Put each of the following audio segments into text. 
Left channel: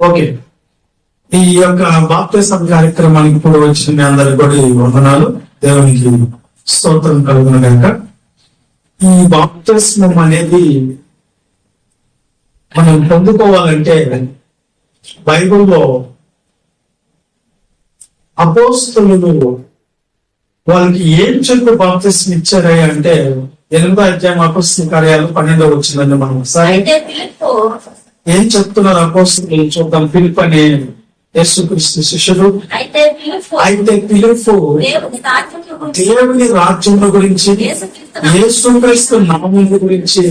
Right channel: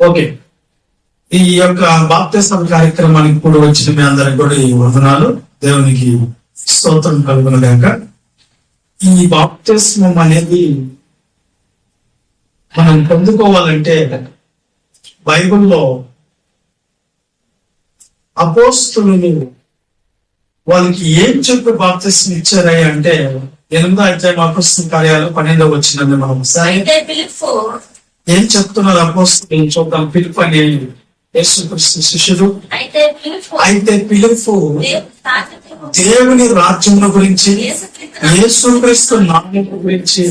Okay, ఈ యొక్క బాప్తిస్మం కార్యక్రమానికి ఇప్పుడు వచ్చిన మీ అందరికి కూడా ఈ వందనాలు. దేవునికి స్తోత్రం కలుగునుగాక. ఈ బాప్తిస్మం అనేది మనం పొందుకోవాలంటే బైబిల్లో అపోస్తలులు వాళ్ళకి ఏం చెప్పి బాప్తిస్మం ఇచ్చారా అంటే 8వ అధ్యాయం అపోస్తల కార్యాలు 12వ వచనాన్ని మనం ఏం చెప్తున్నారు అపోస్తలులు చూద్దాం. పిలుపు అనే యేసుక్రీస్తు శిష్యుడు. అయితే పిలుపు దేవుని రాజ్యం గురించి, యేసుక్రీస్తు నామం గురించి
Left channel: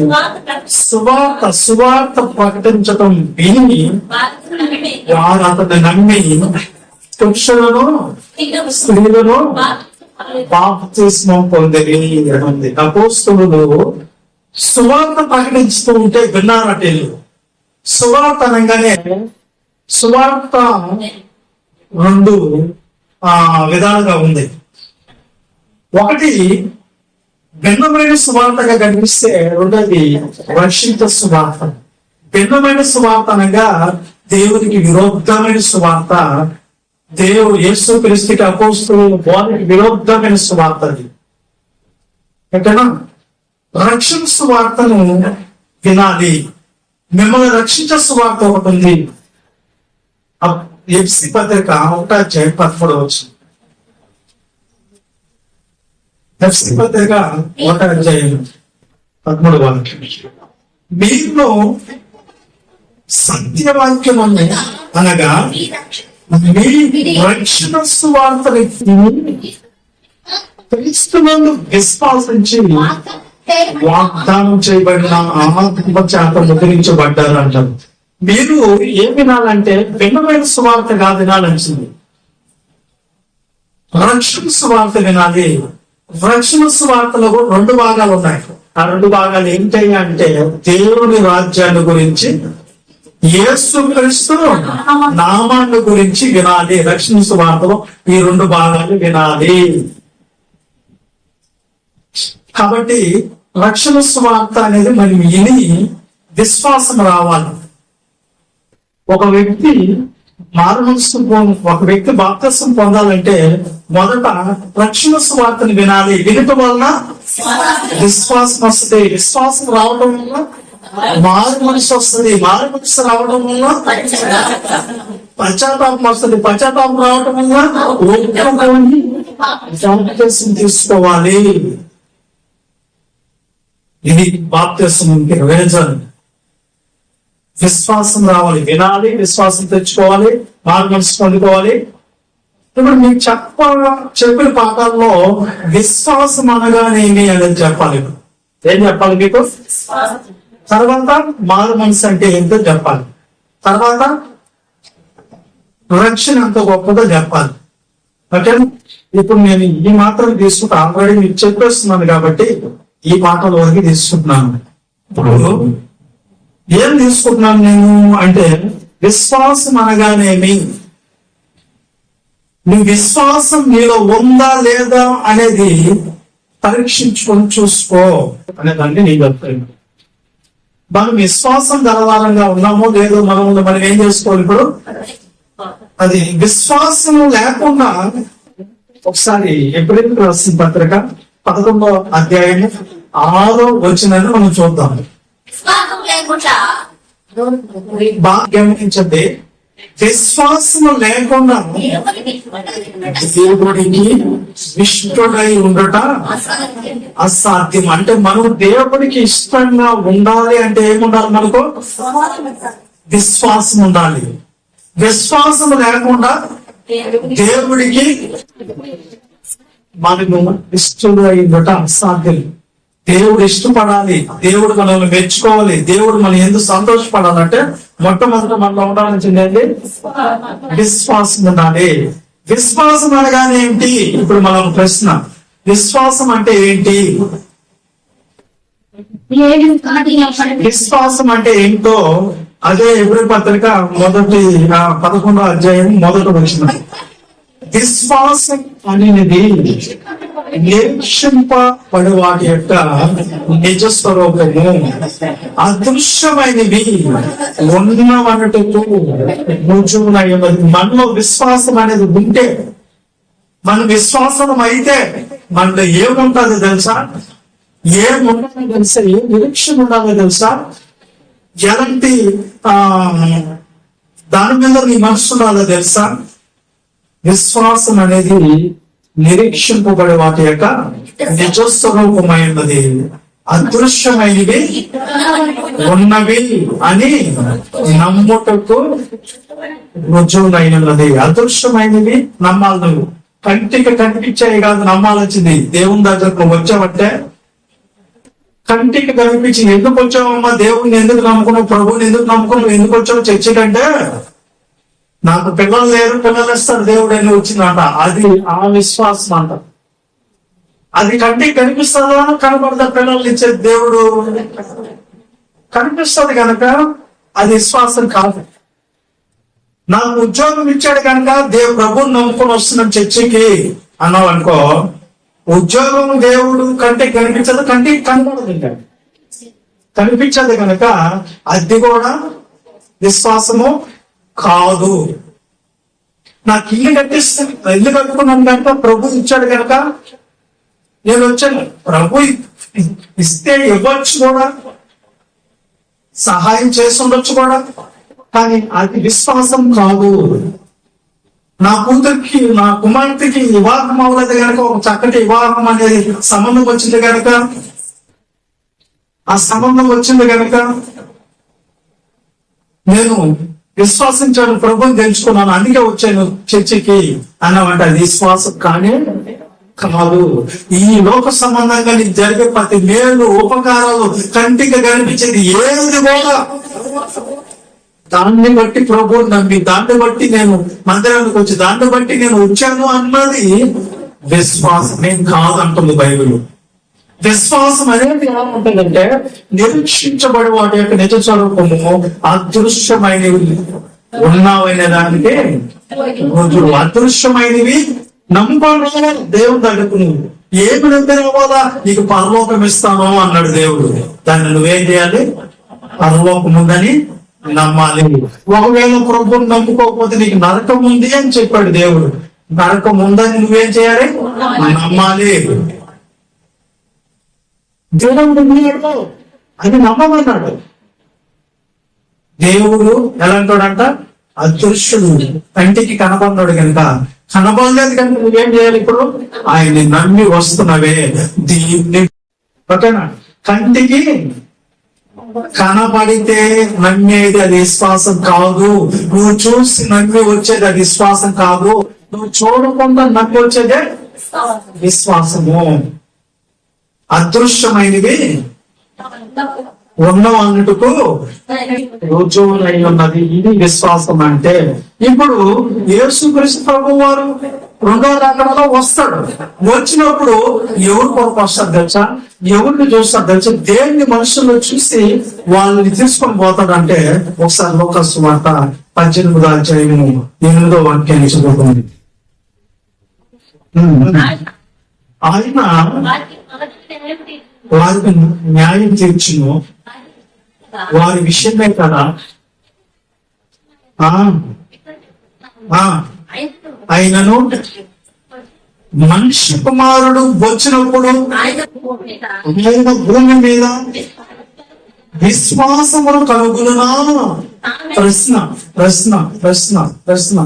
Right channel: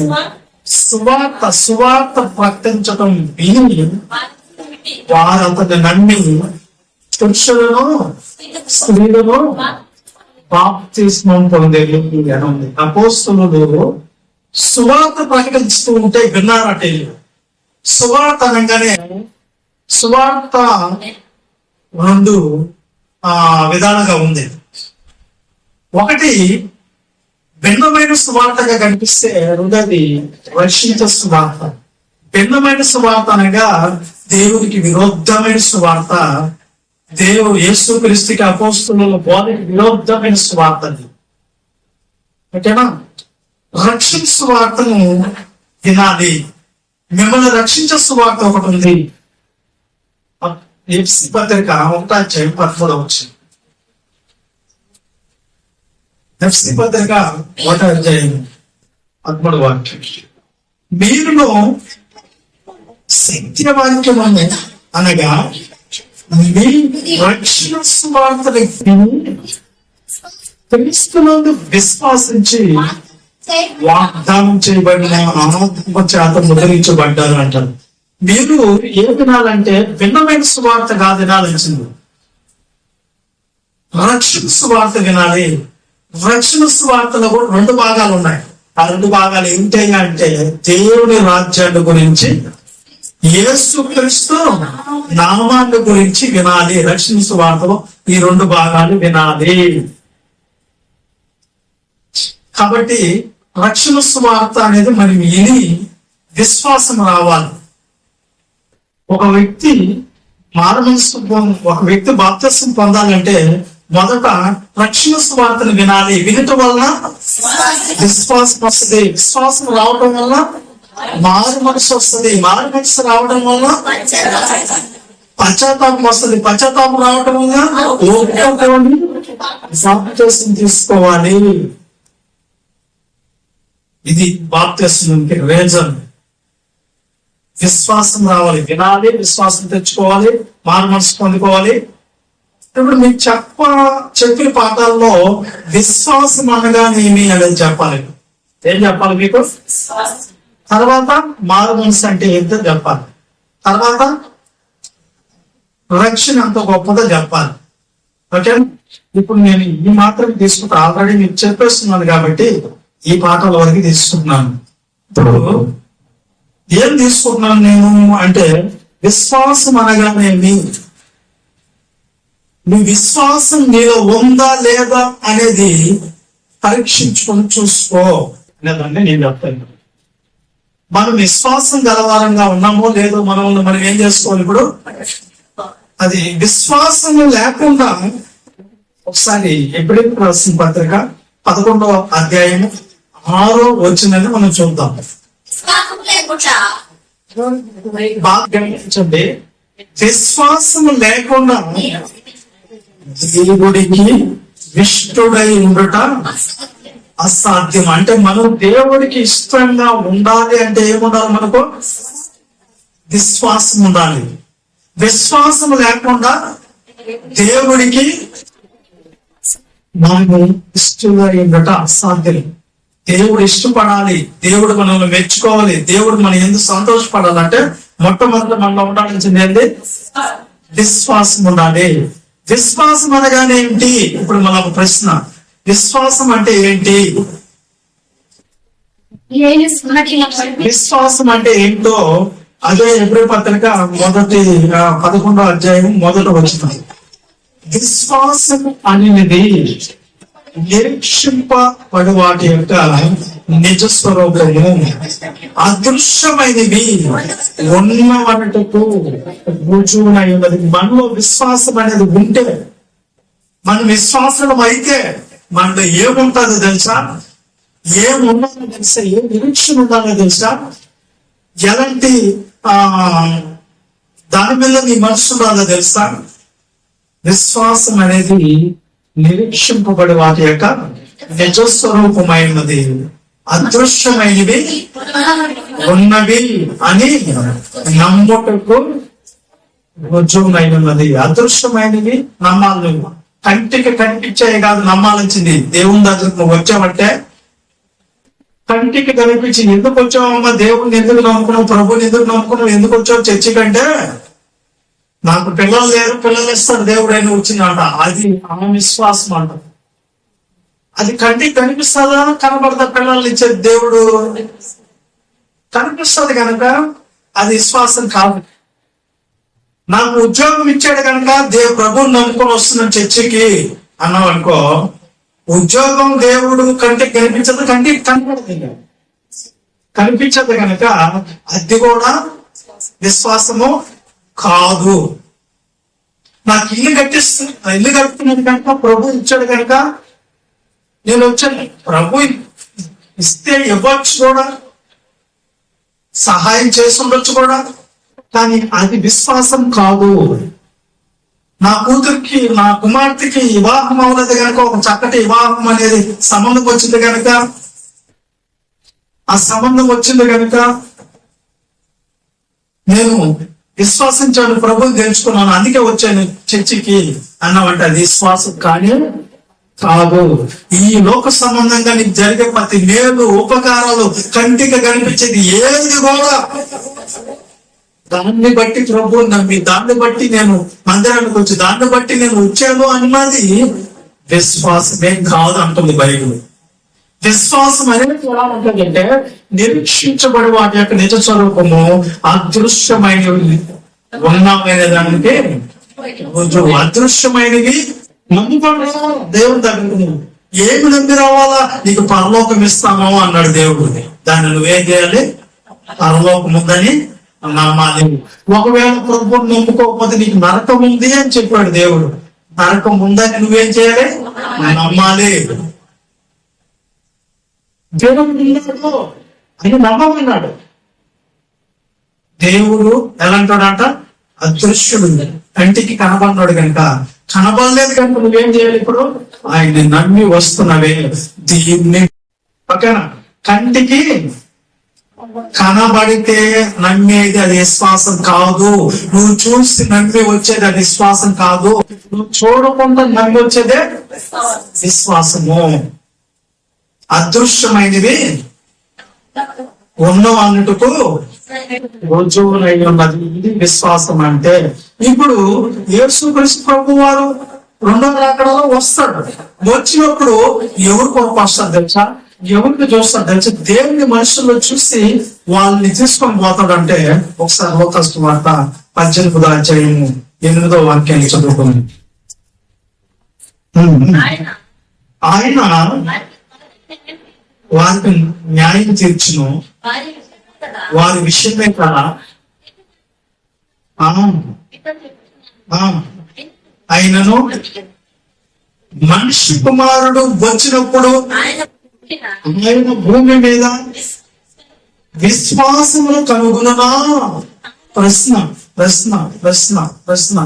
సువార్త ప్రకటించడం విని వారు అతన్ని నమ్మి పురుషులను స్త్రీలను బాప్తిస్మం పొందేది అని ఉంది. అపోస్తలులు సువార్త ప్రకటిస్తూ ఉంటే విన్నారట. సువార్త అనగానే సువార్త 2 విధాలుగా ఉంది. ఒకటి భిన్నమైన సువార్తగా కనిపిస్తే, రెండోది రక్షించే సువార్త. భిన్నమైన సువార్త అనగా దేవునికి విరుద్ధమైన సువార్త. దేవుడు యేసుక్రీస్తుకి అపోస్తలుల బోధకి విరుద్ధమైన సువార్త అది. ఓకేనా? రక్షణ సువార్తను వినాలి. మిమ్మల్ని రక్షించే సువార్త ఒకటి ఉంది. ఎఫ్సి పత్రిక 1వ అధ్యాయం 13వ వచనం. ఎఫ్సి పత్రిక 1వ అధ్యాయం 13వ వాక్యం. మీరును సత్యవాక్యము అనగా మీ రక్షణ సువార్తని క్రీస్తునందు విశ్వాసించి వాగ్దానం చేయబడిన ఆత్మ చేత ముద్రించబడ్డారు అంటారు. మీరు ఏం వినాలంటే భిన్నమైన సువార్త కాదు వినాల్సింది, రక్షణ సువార్త వినాలి. రక్షణ సువార్తలో 2 భాగాలు ఉన్నాయి. ఆ 2 భాగాలు ఏంటి అంటే దేవుని రాజ్యాన్ని గురించి, యేసుక్రీస్తు నామాన్ని గురించి వినాలి. రక్షణ సువార్తలో ఈ 2 భాగాలు వినాలి. కాబట్టి రక్షణ సువార్త అనేది మరి విని విశ్వాసం రావాలి. ఒక వ్యక్తి బాప్తిస్మం పొందాలంటే మొదట రక్షణ సువార్తను వినాలి. వినటం వల్ల విశ్వాసం వస్తుంది. విశ్వాసం రావడం వల్ల మారు మనసు వస్తుంది. మారు మనసు రావడం వల్ల పశ్చాత్తాపం వస్తుంది. పశ్చాత్తాపం రావడం వల్ల బాప్తిస్మం తీసుకోవాలి. ఇది బాప్తిస్మంకి రీజన్. విశ్వాసం రావాలి, వినాలి, విశ్వాసం తెచ్చుకోవాలి, మారు మనసు పొందుకోవాలి. ఇప్పుడు మీకు చెప్పిన పాఠాల్లో విశ్వాసం అనగానేమి అనేది చెప్పాలి. ఏం చెప్పాలి మీకు? తర్వాత మారు మనసు అంటే ఏంటో చెప్పాలి. తర్వాత రక్షణ ఎంత గొప్పదో చెప్పాలి. ఓకే, ఇప్పుడు నేను ఈ మాత్రం తీసుకుంటా. ఆల్రెడీ మీకు చెప్పేస్తున్నాను కాబట్టి ఈ పాఠాల వరకు తీసుకుంటున్నాను. ఇప్పుడు ఏం తీసుకుంటున్నాను నేను అంటే విశ్వాసం అనగానేమి, నీ విశ్వాసం నీలో ఉందా లేదా అనేది పరీక్షించుకొని చూసుకో అనేదాన్ని నేను చెప్తాను. మనం విశ్వాసం గలవారంగా ఉన్నామో లేదో మనం ఏం చేసుకోవాలి. ఇప్పుడు అది విశ్వాసం లేకుండా ఒకసారి ఎప్పుడైతే రాసిన పత్రిక 11వ అధ్యాయం 6వ వచనాన్ని మనం చూద్దాం. బాగా గమనించండి. విశ్వాసము లేకుండా దేవుడికి ఇష్టడై ఉండుట అసాధ్యం. అంటే మనం దేవుడికి ఇష్టంగా ఉండాలి అంటే ఏముండాలి? మనకు విశ్వాసం ఉండాలి. విశ్వాసం లేకుండా దేవుడికి మనము ఇష్టంగా ఉండుట అసాధ్యం. దేవుడు ఇష్టపడాలి, దేవుడు మనల్ని మెచ్చుకోవాలి, దేవుడు మనం ఎందుకు సంతోషపడాలంటే మొట్టమొదటి మనలో ఉండాల్సింది విశ్వాసం ఉండాలి. విశ్వాసం అనగానే ఏంటి? ఇప్పుడు మనం ప్రశ్న, విశ్వాసం అంటే ఏంటి? విశ్వాసం అంటే ఏంటో అదే ఎబ్రీ పత్రిక 11వ అధ్యాయం 1వ వచనం. విశ్వాసం అనేది నిరీక్షింపబడి వాటి యొక్క నిజ స్వరూపము అదృశ్యమైనవి ఉన్నవన్నట్టుకు రుజువునై ఉన్నది. మనలో విశ్వాసం అనేది ఉంటే, మన విశ్వాసం అయితే మనలో ఏముంటుందో తెలుసా? ఏముండాలో తెలుసా? ఏ నిరీక్షణ ఉండాలో తెలుసా? ఎలాంటి దాని మీద నీ మనసు ఉండాలో తెలుసా? విశ్వాసం అనేది నిరీక్షింపబడి వాటి యొక్క నిజస్వరూపమైనది, అదృశ్యమైనవి ఉన్నవి అని నమ్ముటకు రుజువునైనది. అదృశ్యమైనవి నమ్మాలి. నువ్వు కంటికి కనిపించాయి కాదు నమ్మాల్సింది. దేవుని దగ్గరకు నువ్వు వచ్చావంటే కంటికి కనిపించి ఎందుకు వచ్చావమ్మా, దేవుడిని ఎందుకు నమ్ముకున్నావు, ప్రభుని ఎందుకు నమ్ముకున్నావు, ఎందుకు వచ్చావు చర్చి కంటే నాకు పిల్లలు లేరు, పిల్లలు ఇస్తారు దేవుడు అని వచ్చిందట. అది ఆ విశ్వాసం అంట. అది కంటికి కనిపిస్తుందా? కనబడతా పిల్లలు ఇచ్చే దేవుడు కనిపిస్తుంది కనుక అది విశ్వాసం కాదు. నాకు ఉద్యోగం ఇచ్చాడు కనుక ప్రభుని నమ్ముకొని వస్తున్నాను చర్చికి అన్నావు అనుకో, ఉద్యోగం దేవుడు కంటికి కనిపించదు, కంటికి కనపడదు, కనిపించదు కనుక అది కూడా విశ్వాసము కాదు. నాకు ఇల్లు కట్టుకున్నాను కనుక ప్రభు ఇచ్చాడు కనుక నేను వచ్చాను. ప్రభు ఇస్తే ఇవ్వచ్చు కూడా, సహాయం చేసి ఉండొచ్చు కూడా, కానీ అది విశ్వాసం కాదు. నా కూతురికి, నా కుమార్తెకి వివాహం అవ్వలేదు కనుక, ఒక చక్కటి వివాహం అనేది సంబంధం వచ్చింది కనుక, ఆ సంబంధం వచ్చింది కనుక నేను విశ్వాసించాను, ప్రభుని తెలుసుకున్నాను, అందుకే వచ్చాను చర్చికి అన్నమాట. అది విశ్వాసం కానీ కాదు. ఈ లోక సంబంధంగా నీకు జరిగే ప్రతి మేలు ఉపకారాలు కంటికి కనిపించేది ఏది కూడా దాన్ని బట్టి ప్రభువుని నమ్మి, దాన్ని బట్టి నేను మందిరానికి వచ్చి, దాన్ని బట్టి నేను వచ్చాను అన్నది విశ్వాసమే కాదు అంటుంది బైబిల్. విశ్వాసం అనేది ఎలా ఉంటుందంటే నిరీక్షించబడి వాటి యొక్క నిజ స్వరూపము అదృశ్యమైనవి ఉన్నవైన దానికి రుజువు. అదృశ్యమైనవి నమ్ముకొని రావాలి దేవుని దగ్గరకు. ఏమి నమ్మి రావాలా? నీకు పరలోకం ఇస్తాను అన్నాడు దేవుడు. దాన్ని నువ్వేం చేయాలి? పరలోకం ఉందని నమ్మాలి. ఒకవేళ ప్రభువుని నమ్ముకోకపోతే నీకు నరకం ఉంది అని చెప్పాడు దేవుడు. నరకం ఉందని నువ్వేం చేయాలి? నమ్మాలి. దేవుడు ఉన్నాడు అని నమ్మమన్నాడు. దేవుడు ఎలాంటాడంట? అదృశ్యుడు, కంటికి కనబడినాడు కనుక. కనబడలేదు కనుక నువ్వేం చేయాలి? ఇప్పుడు ఆయన నమ్మి వస్తున్నవే దీన్ని. ఓకేనా? కంటికి కనబడితే నమ్మేది అది విశ్వాసం కాదు. నువ్వు చూసి నమ్మి వచ్చేది అది విశ్వాసం కాదు. నువ్వు చూడకుండా నమ్మి వచ్చేదే విశ్వాసము. అదృశ్యమైనవి ఉన్నవన్నిటికు రుజువునై ఉన్నది. ఇది విశ్వాసం అంటే. ఇప్పుడు యేసుక్రీస్తు ప్రభువు వారు రెండవ రాకడలో వస్తాడు. వచ్చినప్పుడు ఎవరు కొరకు వస్తారు తెలుసా? ఎవరికి చూస్తారు తెలుసా? దేవుని మనుషులు చూసి వాళ్ళని తీసుకొని పోతాడు. అంటే ఒకసారి లోకాసు వార్త 18వ అధ్యాయము 8వ వాక్యాన్ని చదువుకోండి. ఆయన వారికి న్యాయం తీర్చును, వారి విషయమే కదా. ఆయనను మనిషి కుమారుడు వచ్చినప్పుడు ఆయన భూమి మీద విశ్వాసమును కనుగొనునా? ప్రశ్న ప్రశ్న ప్రశ్న ప్రశ్న.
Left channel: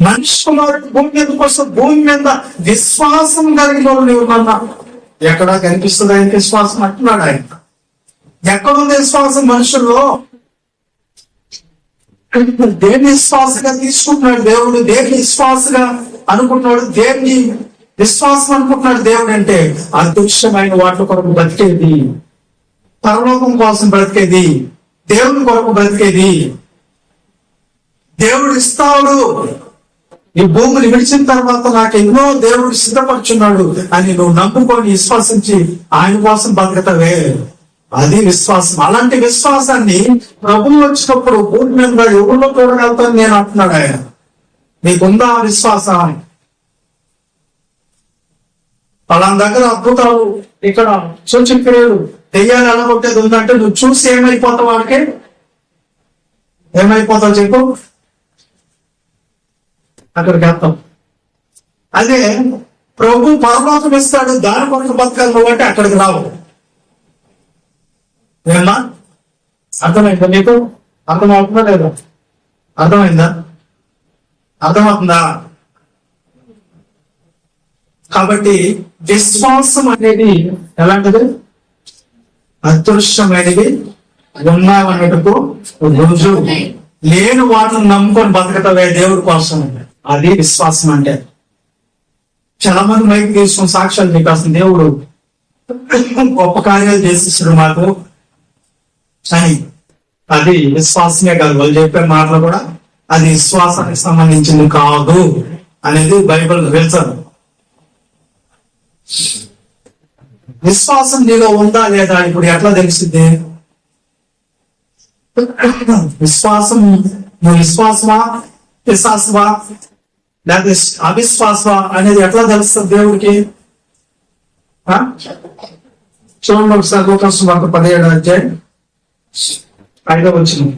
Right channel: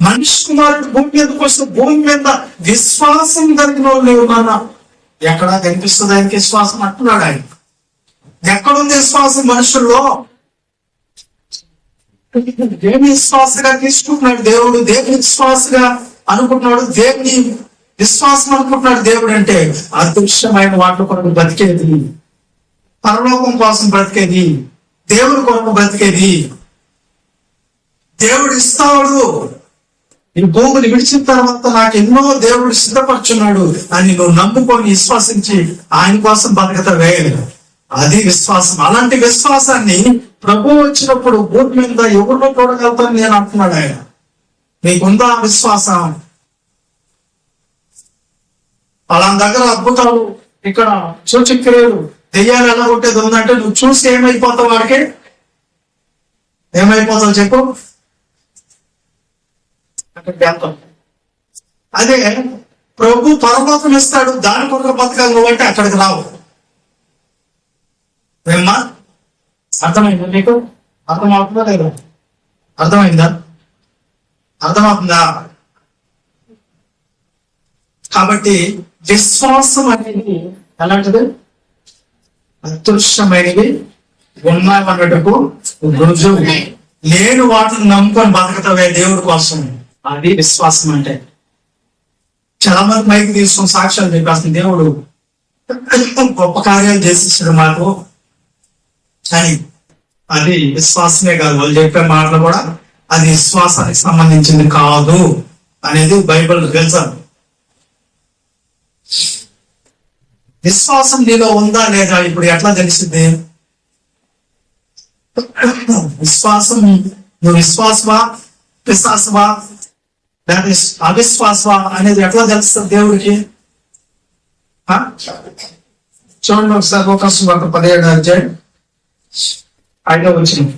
మనిషి కుమారుడు భూమి మీదకి వస్తే భూమి మీద విశ్వాసం కలిగిన వాళ్ళు ఏమన్నా ఎక్కడా కనిపిస్తుంది ఆయనకి విశ్వాసం అంటున్నాడు. ఆయన ఎక్కడుంది విశ్వాసం మనుషుల్లో? దేని విశ్వాసగా తీసుకుంటున్నాడు దేవుడు? దేని విశ్వాసగా అనుకుంటున్నాడు? దేవుని విశ్వాసం అనుకుంటున్నాడు దేవుడు అంటే అదృశ్యమైన వాటి కొరకు బ్రతికేది, పరలోకం కోసం బ్రతికేది, దేవుని కొరకు బ్రతికేది. దేవుడు ఇస్తాడు. ఈ భూమిని విడిచిన తర్వాత నాకు ఎన్నో దేవుడు సిద్ధపరుచున్నాడు అని నువ్వు నమ్ముకొని విశ్వాసించి ఆయన కోసం బతకతవే, అది విశ్వాసం. అలాంటి విశ్వాసాన్ని ప్రభు వచ్చినప్పుడు భూమి మీద ఎవరిలో చూడగలుగుతాను నేను అంటున్నాడు ఆయన. మీకుందా విశ్వాసం? వాళ్ళ దగ్గర అద్భుతాలు, ఇక్కడ సూచక్రియలు, దెయ్యాలు ఎలా కొట్టేది ఉందంటే నువ్వు చూసి ఏమైపోతావు, వాడికి ఏమైపోతావు చెప్పు, అక్కడికి వెళ్తాం. అదే ప్రభు పరలోకం ఇస్తాడు, దాని కొరకు బతకాలి నువ్వంటే అక్కడికి రావు. ఏమన్నా అర్థమైందా నీకు? అర్థమవుతుందా లేదా? అర్థమైందా? అర్థమవుతుందా? కాబట్టి విశ్వాసం అనేది ఎలాంటిది? అదృశ్యమైనది ఉన్నామన్నట్టుకు రుజువు. లేని వాటిని నమ్ముకొని బతకటవే దేవుడి కోసం. అది విశ్వాసం అంటే. చాలా మంది మైకి తీసుకుని సాక్ష్యాలు చెప్పేస్తుంది, దేవుడు గొప్ప కార్యాలు చేసేసాడు మాకు అని. అది విశ్వాసమే కాదు. వాళ్ళు చెప్పే మాటలు కూడా అది విశ్వాసానికి సంబంధించింది కాదు అనేది బైబిల్ తెలుసు. విశ్వాసం నీలో ఉందా లేదా ఇప్పుడు ఎట్లా తెలిసింది? విశ్వాసం నువ్వు విశ్వాసమా విశ్వాసమా లేదా అవిశ్వాసమా అనేది ఎట్లా తెలుస్తుంది దేవుడికి? చూడండి ఒకసారి లోకాసు వార్త 17వ అధ్యాయం 5వ వచనం.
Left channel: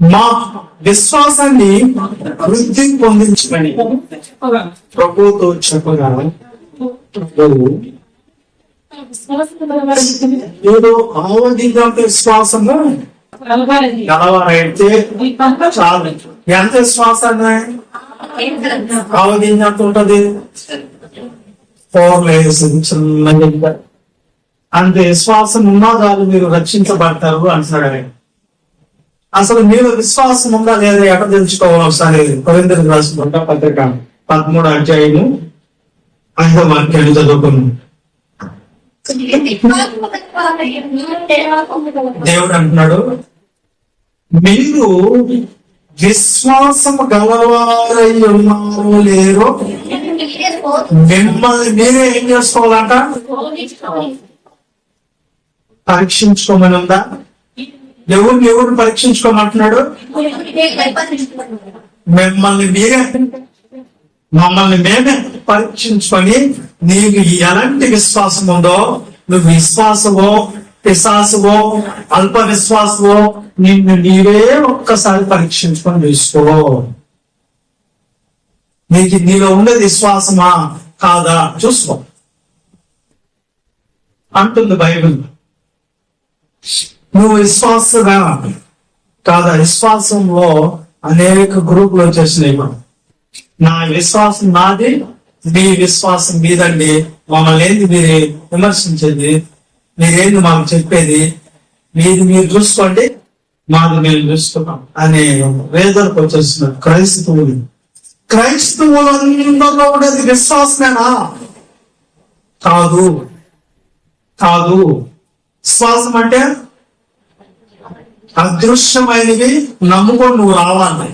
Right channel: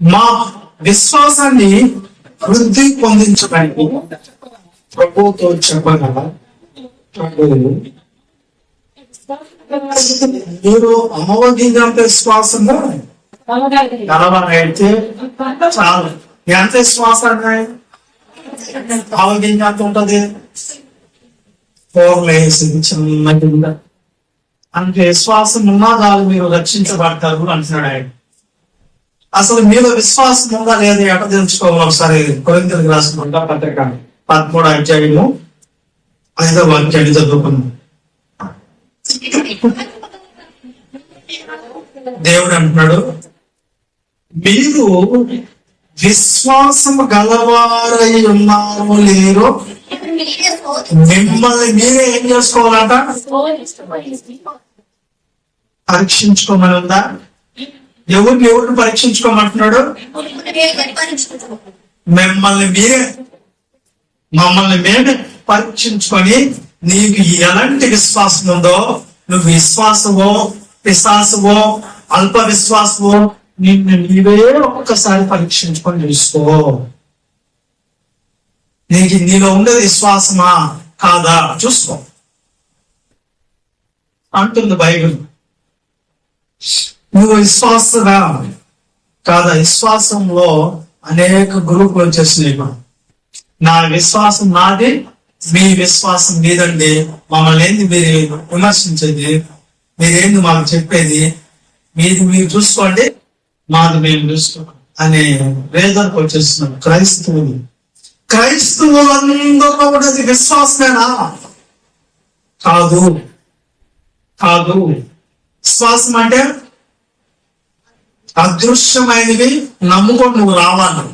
మా విశ్వాసాన్ని వృద్ధి పొందించమని ప్రభుతో చెప్పగా మీరు ఆవగింజంత విశ్వాసము గలవారైతే చాలు. ఎంత విశ్వాసాన్ని ఆవగింజంత ఉంటది? 4 layers చిన్నగా. అంత విశ్వాసం ఉన్నా చాలు మీరు రక్షించబడతారు అంటున్నాడు ఆయన. అసలు మీలో విశ్వాసం ఉందా లేదా ఎక్కడ తెలుసుకోవాలి? ఒకసారి కొరింథీయులకు రాసిన పత్రిక 13వ అధ్యాయము 5వ వాక్యాన్ని చదువుకున్నాం. దేవుడు అంటున్నాడు, మీరు విశ్వాసం గలవారై ఉన్నారో లేరో మిమ్మల్ని మీరే ఏం చేసుకోవాలంట? పరీక్షించుకోమని ఉందా? ఎవరిని పరీక్షించుకోమంటున్నాడు? మమ్మల్ని మేమే పరీక్షించుకొని నీకు ఎలాంటి విశ్వాసం ఉందో, నువ్వు విశ్వాసమో పిశాసమో అల్ప విశ్వాసమో నిన్ను నీవే ఒక్కసారి పరీక్షించుకొని చూసుకో. నీలో ఉండేది విశ్వాసమా కాదా చూసుకో అంటుంది బైబిల్. నువ్వు విశ్వాసగా కాదా? విశ్వాసంలో అనేక గ్రూపులు వచ్చేసినాయి. నా విశ్వాసం నాది, మీ విశ్వాసం మీదండి. మమ్మల్ని ఏంది మీరు విమర్శించేది? మీరేంది మాకు చెప్పేది? మీది మీరు చూసుకోండి, మాది మేము చూసుకున్నాం అనే రేదర్కి వచ్చేస్తున్నారు క్రైస్తవులందరిలో ఉండేది విశ్వాసమేనా? కాదు. విశ్వాసం అంటే అదృశ్యమైనవి నమ్ముకొని నువ్వు రావాలి.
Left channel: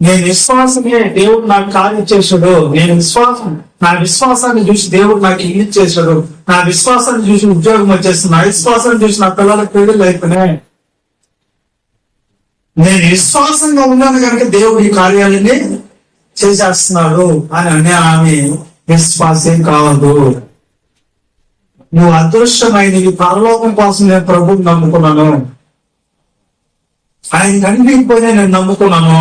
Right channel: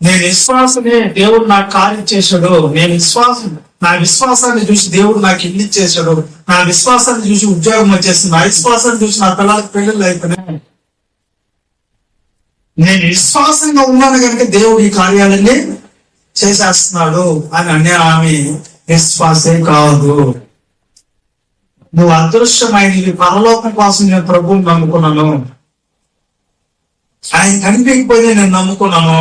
నేను విశ్వాసమే, దేవుడు నాకు కార్యం చేశాడు. నా విశ్వాసాన్ని చూసి దేవుడు నాకు ఇల్లు ఇచ్చేశాడు. నా విశ్వాసాన్ని చూసి ఉద్యోగం వచ్చేస్తుంది. నా విశ్వాసాన్ని చూసి నా పిల్లలకు పెళ్ళిళ్ళు అయిపోయినాయి. నేను విశ్వాసంగా ఉన్నాను కనుక దేవుడు ఈ కార్యాలన్నీ చేసేస్తున్నాడు అని ఆమె విశ్వాసే కాదు. నువ్వు అదృశ్యమైనవి పరలోకం కోసం నేను ప్రభువుని నమ్ముకున్నాను, ఆయన తండ్రికి పోయి నేను నమ్ముకున్నాను,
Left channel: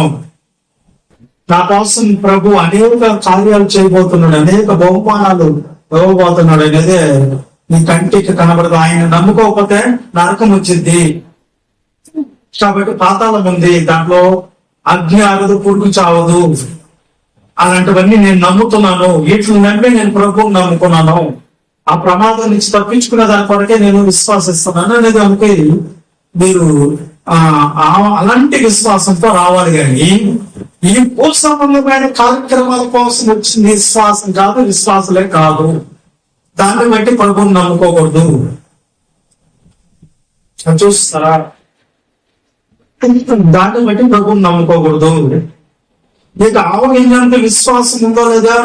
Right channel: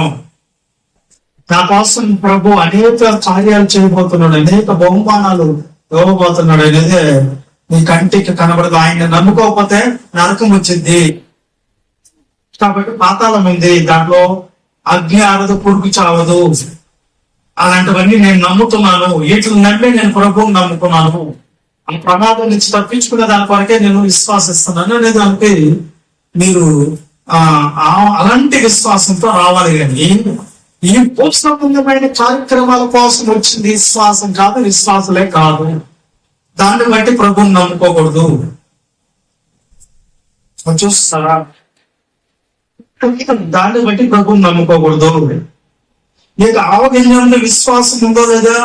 నా కోసం ప్రభు అనేక కార్యాలు చేయబోతున్నాడు, అనేక బహుమానాలు ఇవ్వబోతున్నాడు అనేది నీ కంటికి కనబడదు. ఆయన నమ్ముకోకపోతే నరకం వచ్చింది. కాబట్టి పాతాళం ఉంది, దాంట్లో అగ్ని ఆగదు, పురుగు చావదు. అలాంటివన్నీ నేను నమ్ముతున్నాను. వీటిని నమ్మి నేను ప్రభువుని నమ్ముకున్నాను. ఆ ప్రమాదం నుంచి తప్పించుకునే దాని కొరకే నేను విశ్వాసిస్తున్నాను అనేది అంటే మీరు అలాంటి విశ్వాసంతో రావాలి. కానీ ఈ సంబంధమైన కార్యక్రమాల కోసం వచ్చింది విశ్వాసం కాదు, విశ్వాసలే కాదు. దాన్ని బట్టి ప్రభువుని నమ్ముకోకూడదు. చూస్తారా? దాన్ని బట్టి ప్రభువుని నమ్ముకోకూడదు. మీకు ఆవగింజంత విశ్వాసం ఉందో లేదా,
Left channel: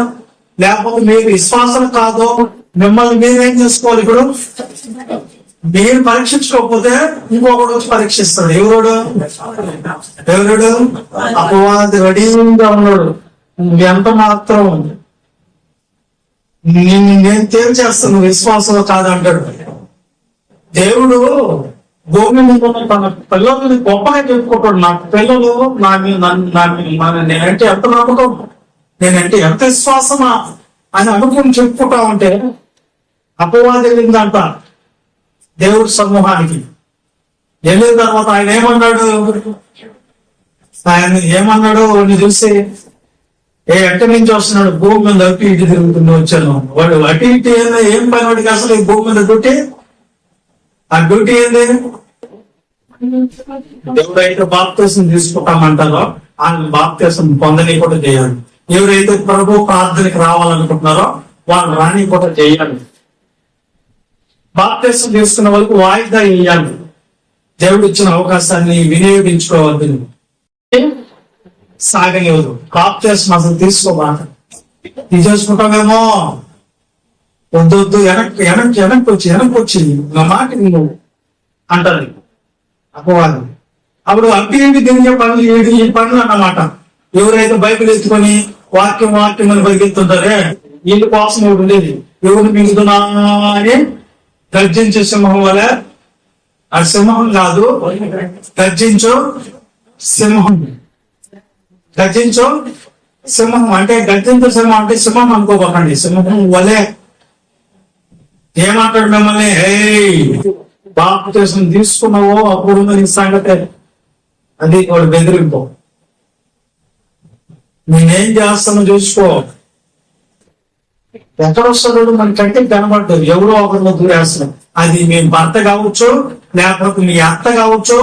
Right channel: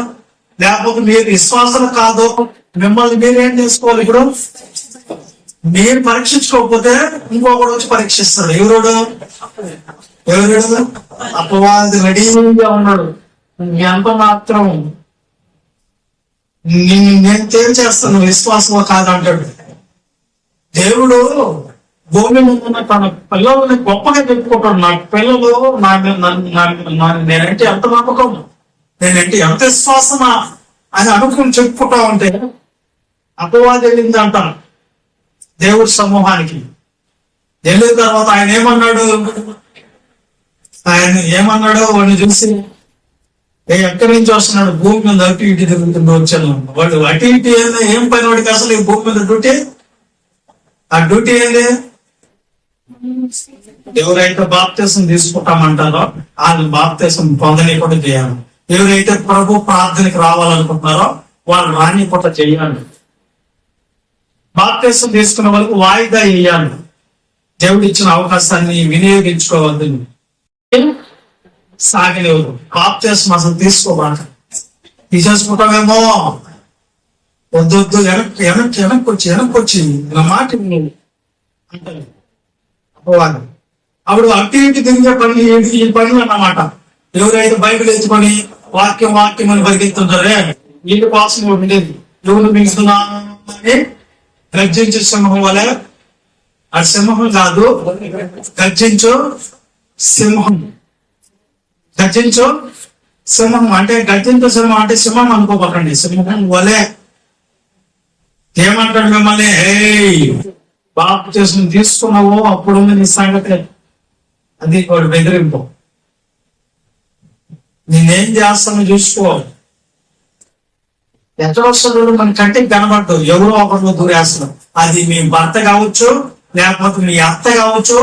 లేకపోతే మీరు విశ్వాసం కాదో మిమ్మల్ని మీరేం చేసుకోవాలి? ఇప్పుడు నేను పరీక్షించుకోకపోతే ఇంకొకడు వచ్చి పరీక్షిస్తాడు. ఎవరుడు అపవాది రెడీగా ఉన్నాడు. ఎంత మాత్రం నేను తేల్చేస్తాను విశ్వాసం కాదంటాడు. దేవుడు భూమి మీద ఉన్న తన పిల్లల్ని గొప్పగా చెప్పుకుంటాడు. నా పిల్లలు నేనంటే ఎంత నమ్మకం, నేనంటే ఎంత విశ్వాసమా అని అనుకుని చెప్పుకుంటా ఉంటే అపవాది వెళ్ళిందంట దేవుడి సమూహానికి. వెళ్ళిన తర్వాత ఆయన ఏమన్నాడు వాడిని చూసి, ఎక్కడి నుంచి వస్తున్నాడు, భూమి మీద అటు ఇటు తిరుగుతుండో వచ్చాను. వాడు అటు ఇటు ఏం పని వాడికి అసలు ఈ భూమి మీద డ్యూటీ? ఆ డ్యూటీ ఏంది? ఎవరైతే బాప్తీసం తీసుకుంటామంటారో వాళ్ళు బాప్తీసం పొందని కూడా చేయాలి. ఎవరైతే ప్రభు ప్రార్థనకి రావాలనుకుంటున్నారో వాళ్ళు రాని కూడా చేయాలి. బాప్తీసం తీసుకున్న వాళ్ళకి వాయిదా వేయాలి. దేవుడు ఇచ్చిన అవకాశాన్ని వినియోగించుకోవద్దు, సాగనివ్వదు. బాప్తీసం అసలు తీసుకోవాలి. తీసేసుకుంటామేమో, వద్దు వెనక్కి వచ్చి నా మాట నువ్వు అంటారు అపవాదం. అప్పుడు అటు ఇంటి తిరిగే పనులు ఈ పనులు అన్నమాట. ఎవరైతే బైబిల్ ఎత్తుకొని వాక్యం అని పరిగెత్తుంటారే వీళ్ళ కోసం ఎవరు ఉండేది. ఎవరు మింగుతున్నా అని గర్జించే సింహం వలె, ఆ సింహం కాదు, గర్జించు సింహం అంటే గర్జించు సింహం అంటే సింహం అనుకోకండి. సింహం వలె ఏమంటాడు మిమ్మల్ని, బాప్తీసం తీసుకున్నావో అప్పుడు నీ సంగతి అది వాడు బెదిరింపు. నేనేం చేస్తానో చూసుకో. ఎక్కడ వస్తున్నాడు మన కంటికి కనబడ్డు, ఎవరో ఒకరిలో దూరేస్తున్నాం. అది మీ భర్త కావచ్చు, లేకపోతే మీ అత్త కావచ్చు,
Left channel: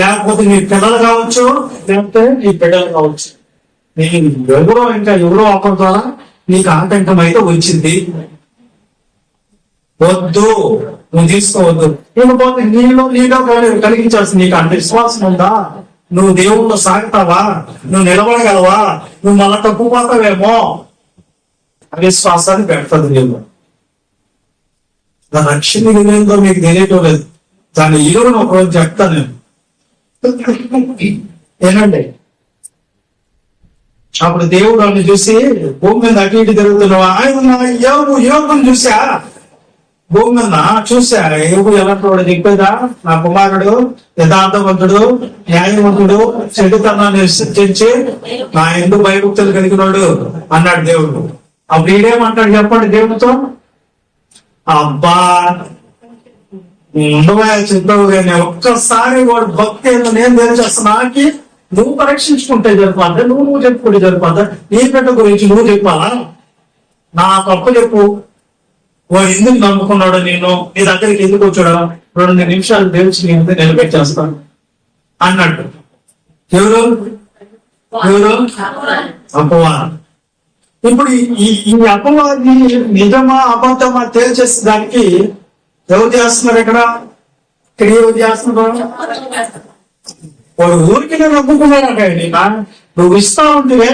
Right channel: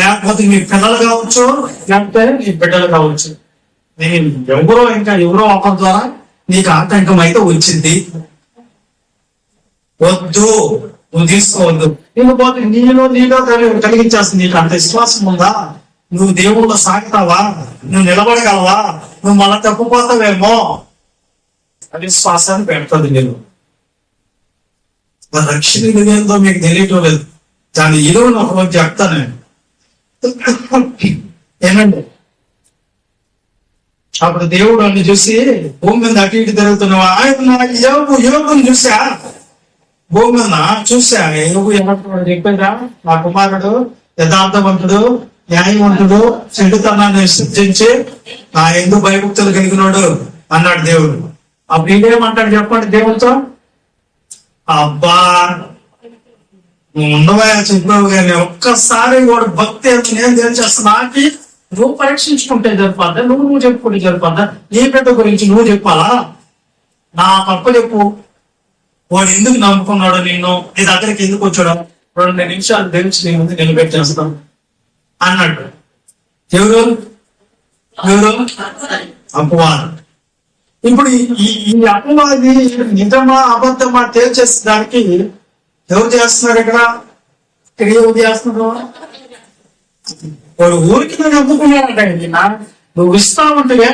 లేకపోతే మీ పిల్లలు కావచ్చు, లేకపోతే నీ బిడ్డలు కావచ్చు. నేను ఎవరో ఒకరి ద్వారా నీకు ఆటంకం అయితే వచ్చింది. వద్దు, నువ్వు తీసుకోవద్దు. ఇకపోతే నీలో కలిగించేస్తుంది. నీకు అంత విశ్వాసం ఉందా? నువ్వు దేవుళ్ళో సాగుతావా? నువ్వు నిలబడగలవా? నువ్వు మళ్ళా తప్పిపోతావేమో అవిశ్వాసాన్ని పెడతాడు దేవుడు. రక్షణ విధంతో మీకు తెలియటం లేదు. దాని ఇరువును ఒకరోజు చెప్తాను నేను. ఏనండి, అప్పుడు దేవుడు అన్ని చూసి భూమి మీద అటు ఇటు తిరుగుతున్నావా? ఆయన యోగం చూసా, భూమి మీద చూసా. యోగు ఎలాంటి చెప్పేదా, నా కుమారుడు యథార్థవంతుడు, న్యాయవంతుడు, చెడుతనాన్ని సృష్టించి నా ఎందుకు భయభక్తులు కలిగినాడు అన్నాడు దేవుడు. అప్పుడు ఈడేమంటాడు చెప్పండి దేవుడితో? అబ్బా ఉండవా చెప్పావు కానీ ఒక్కసారి వాడు భక్తి ఏందో నేను తెలిచేస్తున్నా. నువ్వు పరీక్షించుకుంటే సరిపోద్దా? నువ్వు చెప్పుకుంటే సరిపోద్దా? నీ బిడ్డ గురించి నువ్వు చెప్పాలా? నా తప్పు చెప్పు. వాడు ఎందుకు నమ్ముకున్నాడో, నేను నీ దగ్గరికి ఎందుకు వచ్చాడో 2 నిమిషాలు తెలిసి నీ ముందు నిలబెట్టేస్తాను అన్నట్టు. ఎవరు అపవాదం. ఇప్పుడు ఈ అపవాది నిజమా అబద్ధమా తేల్చేసే దానికి ఎవరు చేస్తున్నారు? ఇక్కడ ఎవరు చేస్తున్నారు? వాడు ఊరికి నేను నమ్ముకున్నాడంటే నువ్వు ఇస్తా ఉంటువే,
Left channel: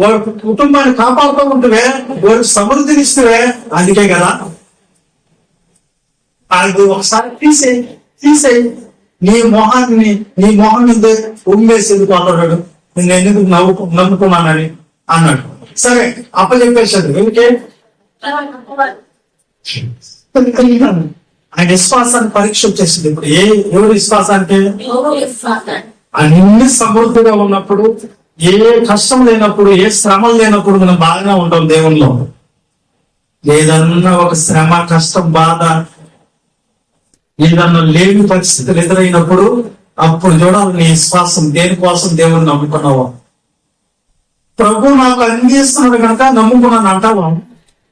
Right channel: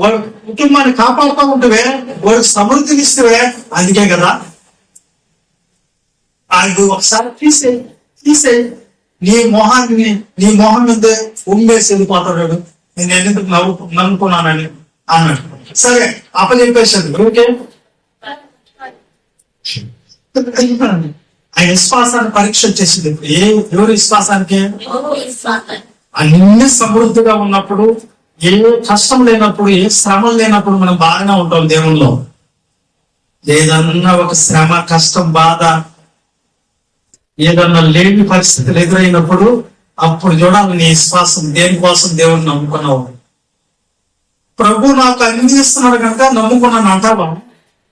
వాడు కుటుంబాన్ని కాపాడుతూ ఉంటువే, వాడికి సమృద్ధినిస్తువే. అందుకే కదా అది ఒకసారి తీసేయి నీ మొహం మీద ఉమ్మేసేది పోతాడు. నేను ఎందుకు నమ్ముకున్నానని అన్నాడు. సరే అప్పచెప్పేశాడు. ఓకే, ఆయన విశ్వాసాన్ని పరీక్ష వచ్చేసింది. ఇప్పుడు ఎవరి విశ్వాసానికి? అన్ని సమృద్ధిగా ఉన్నప్పుడు, ఏ కష్టం లేనప్పుడు, ఏ శ్రమలు లేనప్పుడు మనం బాగానే ఉంటాం దేవుల్లో. ఏదన్నా ఒక శ్రమ, కష్టం, బాధ, ఏదన్నా లేని పరిస్థితులు ఎదురైనప్పుడు అప్పుడు చూడాలి నీ విశ్వాసం దేనికోసం దేవుని నమ్ముకున్నావా. ప్రభు నాకు అందిస్తున్నాడు కనుక నమ్ముకున్నాను అంటావా?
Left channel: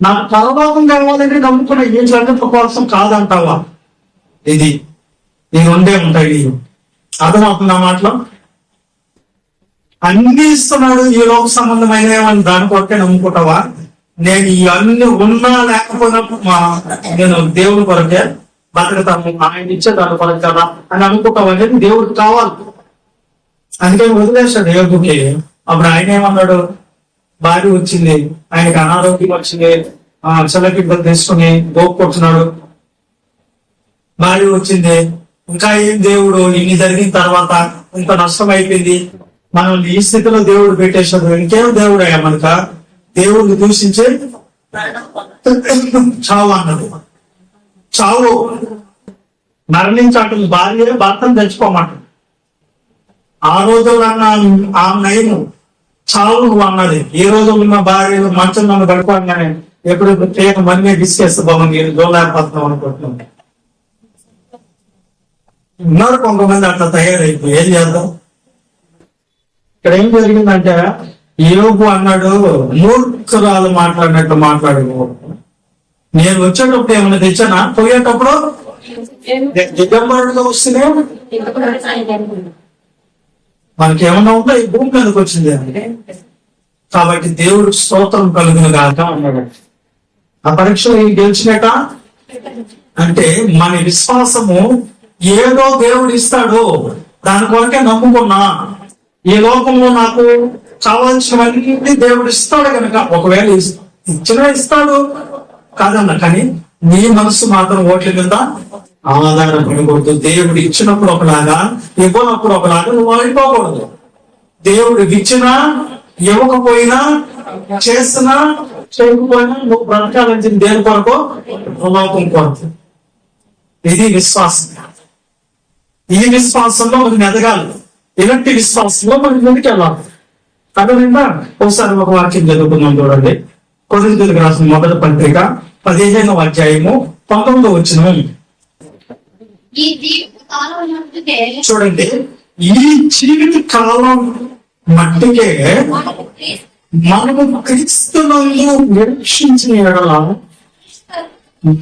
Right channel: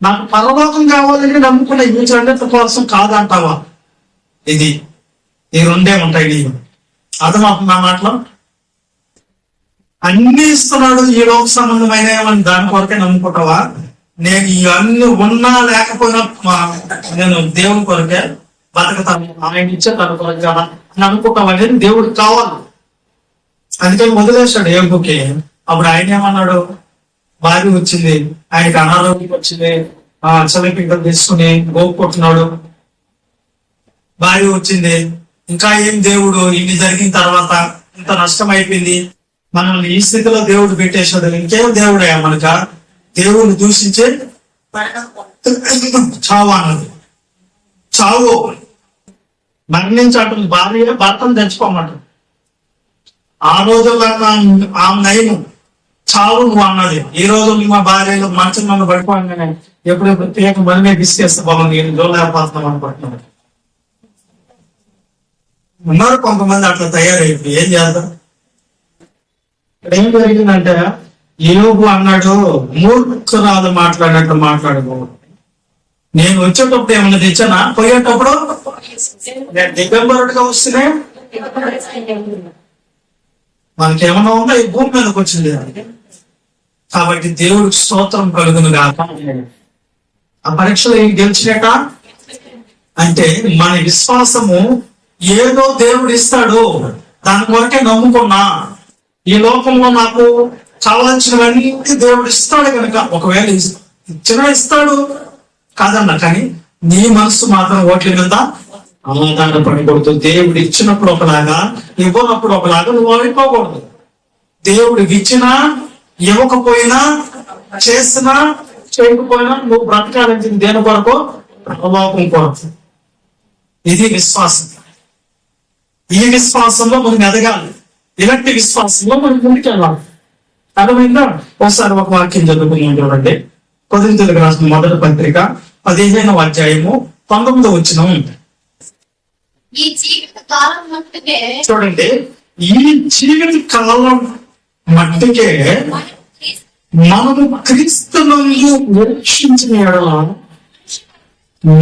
నాకు పరలోకం కావాలంటే నమ్ముకున్న ఈ జగత్తు కోసం కాదంటావా? ఈ 2 ఉంటాయి. అర్థమవుతుంది నా మాటలో? అన్ని ఇస్తున్నాడు ఈ లోక సంబంధమైన దాని కొరకే నమ్ముకుంటావా? నేను ఇవన్నీ ఉన్నా లేకపోయినా నేను దేవుని కొరకే బతకతాను, ఆయన ఇచ్చే దాని కొరకు కదా అని అనుకుంటావా అనేది దేవుడికి కావాలి. అందుకని వదిలేశాడు యోగుకి. అప్పుడు ఆయన ఏమన్నాడు? భార్య వచ్చింది, ఆయనకి అనారోగ్యం వచ్చింది, చల్లకింటలు తీసుకుని గోపుకుంటున్నాడు. భార్య వచ్చింది, ఇంకా ఏం దేవుడు ఇన్ని జరిగిన తర్వాత ఇంత నష్టం అయిపోయింది, మనల్ని ఈ స్థితిలో దేవుడు పెట్టేశాడు, ఇంకేం దేవుడయ్యా మనక, దేవుడిని దూషించే చావు అన్నది. చావు మరణించటం భార్య భర్తను తెచ్చుకోమంటాడు. ఆ రోజుల్లో ఆమె నయము, చావు నువ్వు అన్నది. ఈ రోజుల్లో మా భార్యలు మంచం నన్ను పడుకోగానే ఎప్పుడెప్పుడు పేక మనమే బిస్కేస్తే బాగుంది, నేను జోలేకపోతున్నాం అనుకుంటున్నాను. ఉన్నారు కొంతమంది అట్లా తయారైపోయి. ఏం చేద్దాం? ఇక్కడ ఏం జరిగిందంటే యోబు అన్నాడు, మూర్ఖురాలు మాట్లాడినట్టు మాట్లాడుకోవద్దు. నేను వచ్చేటప్పుడు ఏమన్నా తెచ్చానా? పోయేటప్పుడు దిగంబరుడుగా వస్తేనే మనకి ఏమన్నా ఉందా? ఈ భూమి మీదకి వచ్చింది. కాబట్టి దేవుడికి స్తోత్రం కలుగును గాక అన్నాడు. ఆ పరీక్షలో ఏం గెలిచినట అంటే మన విశ్వాసము ఏదో దేవుడు ఇస్తాడు, దాని కొరకే నమ్ముకున్నా. ఈ లోకంలో నాకు కావాల్సినవన్నీ దేవుడు ఇస్తాడు కనుక, ఒకవేళ ఇచ్చినా ఇస్తాడు కాదన్నా, కానీ నీ మనసు మాత్రం ఓట్ల మీద ఆధారపడకూడదు. దేవుడు ఇచ్చినప్పుడు ఒకలాగా, ఇవ్వనప్పుడు ఒకలాగా నువ్వు అయిపోకూడదు. దేవుడు ఇచ్చినా ఇవ్వకపోయినా, చేసినా చేయకపోయినా నువ్వు బ్రతకాలని దేని కొరకు? లోకం కొరకు. ఇది విశ్వాసం. ఈ విశ్వాసంలో మనం ఎదగాలి. ఇలాంటి విశ్వాసంలో మనం ముందుకు వెళ్ళాలి. అర్థమైందా? ఒకసారి ఒక వాక్యం చదువుకుందాం చూడండి. కొరింథీయులకు రాసిన మొదటి పత్రిక 15వ అధ్యాయము 19వ వచనం. చూడండి, ఈ జీవిత కాలం మట్టికే మనము క్రీస్తునందు నిరీక్షించిన ఎడల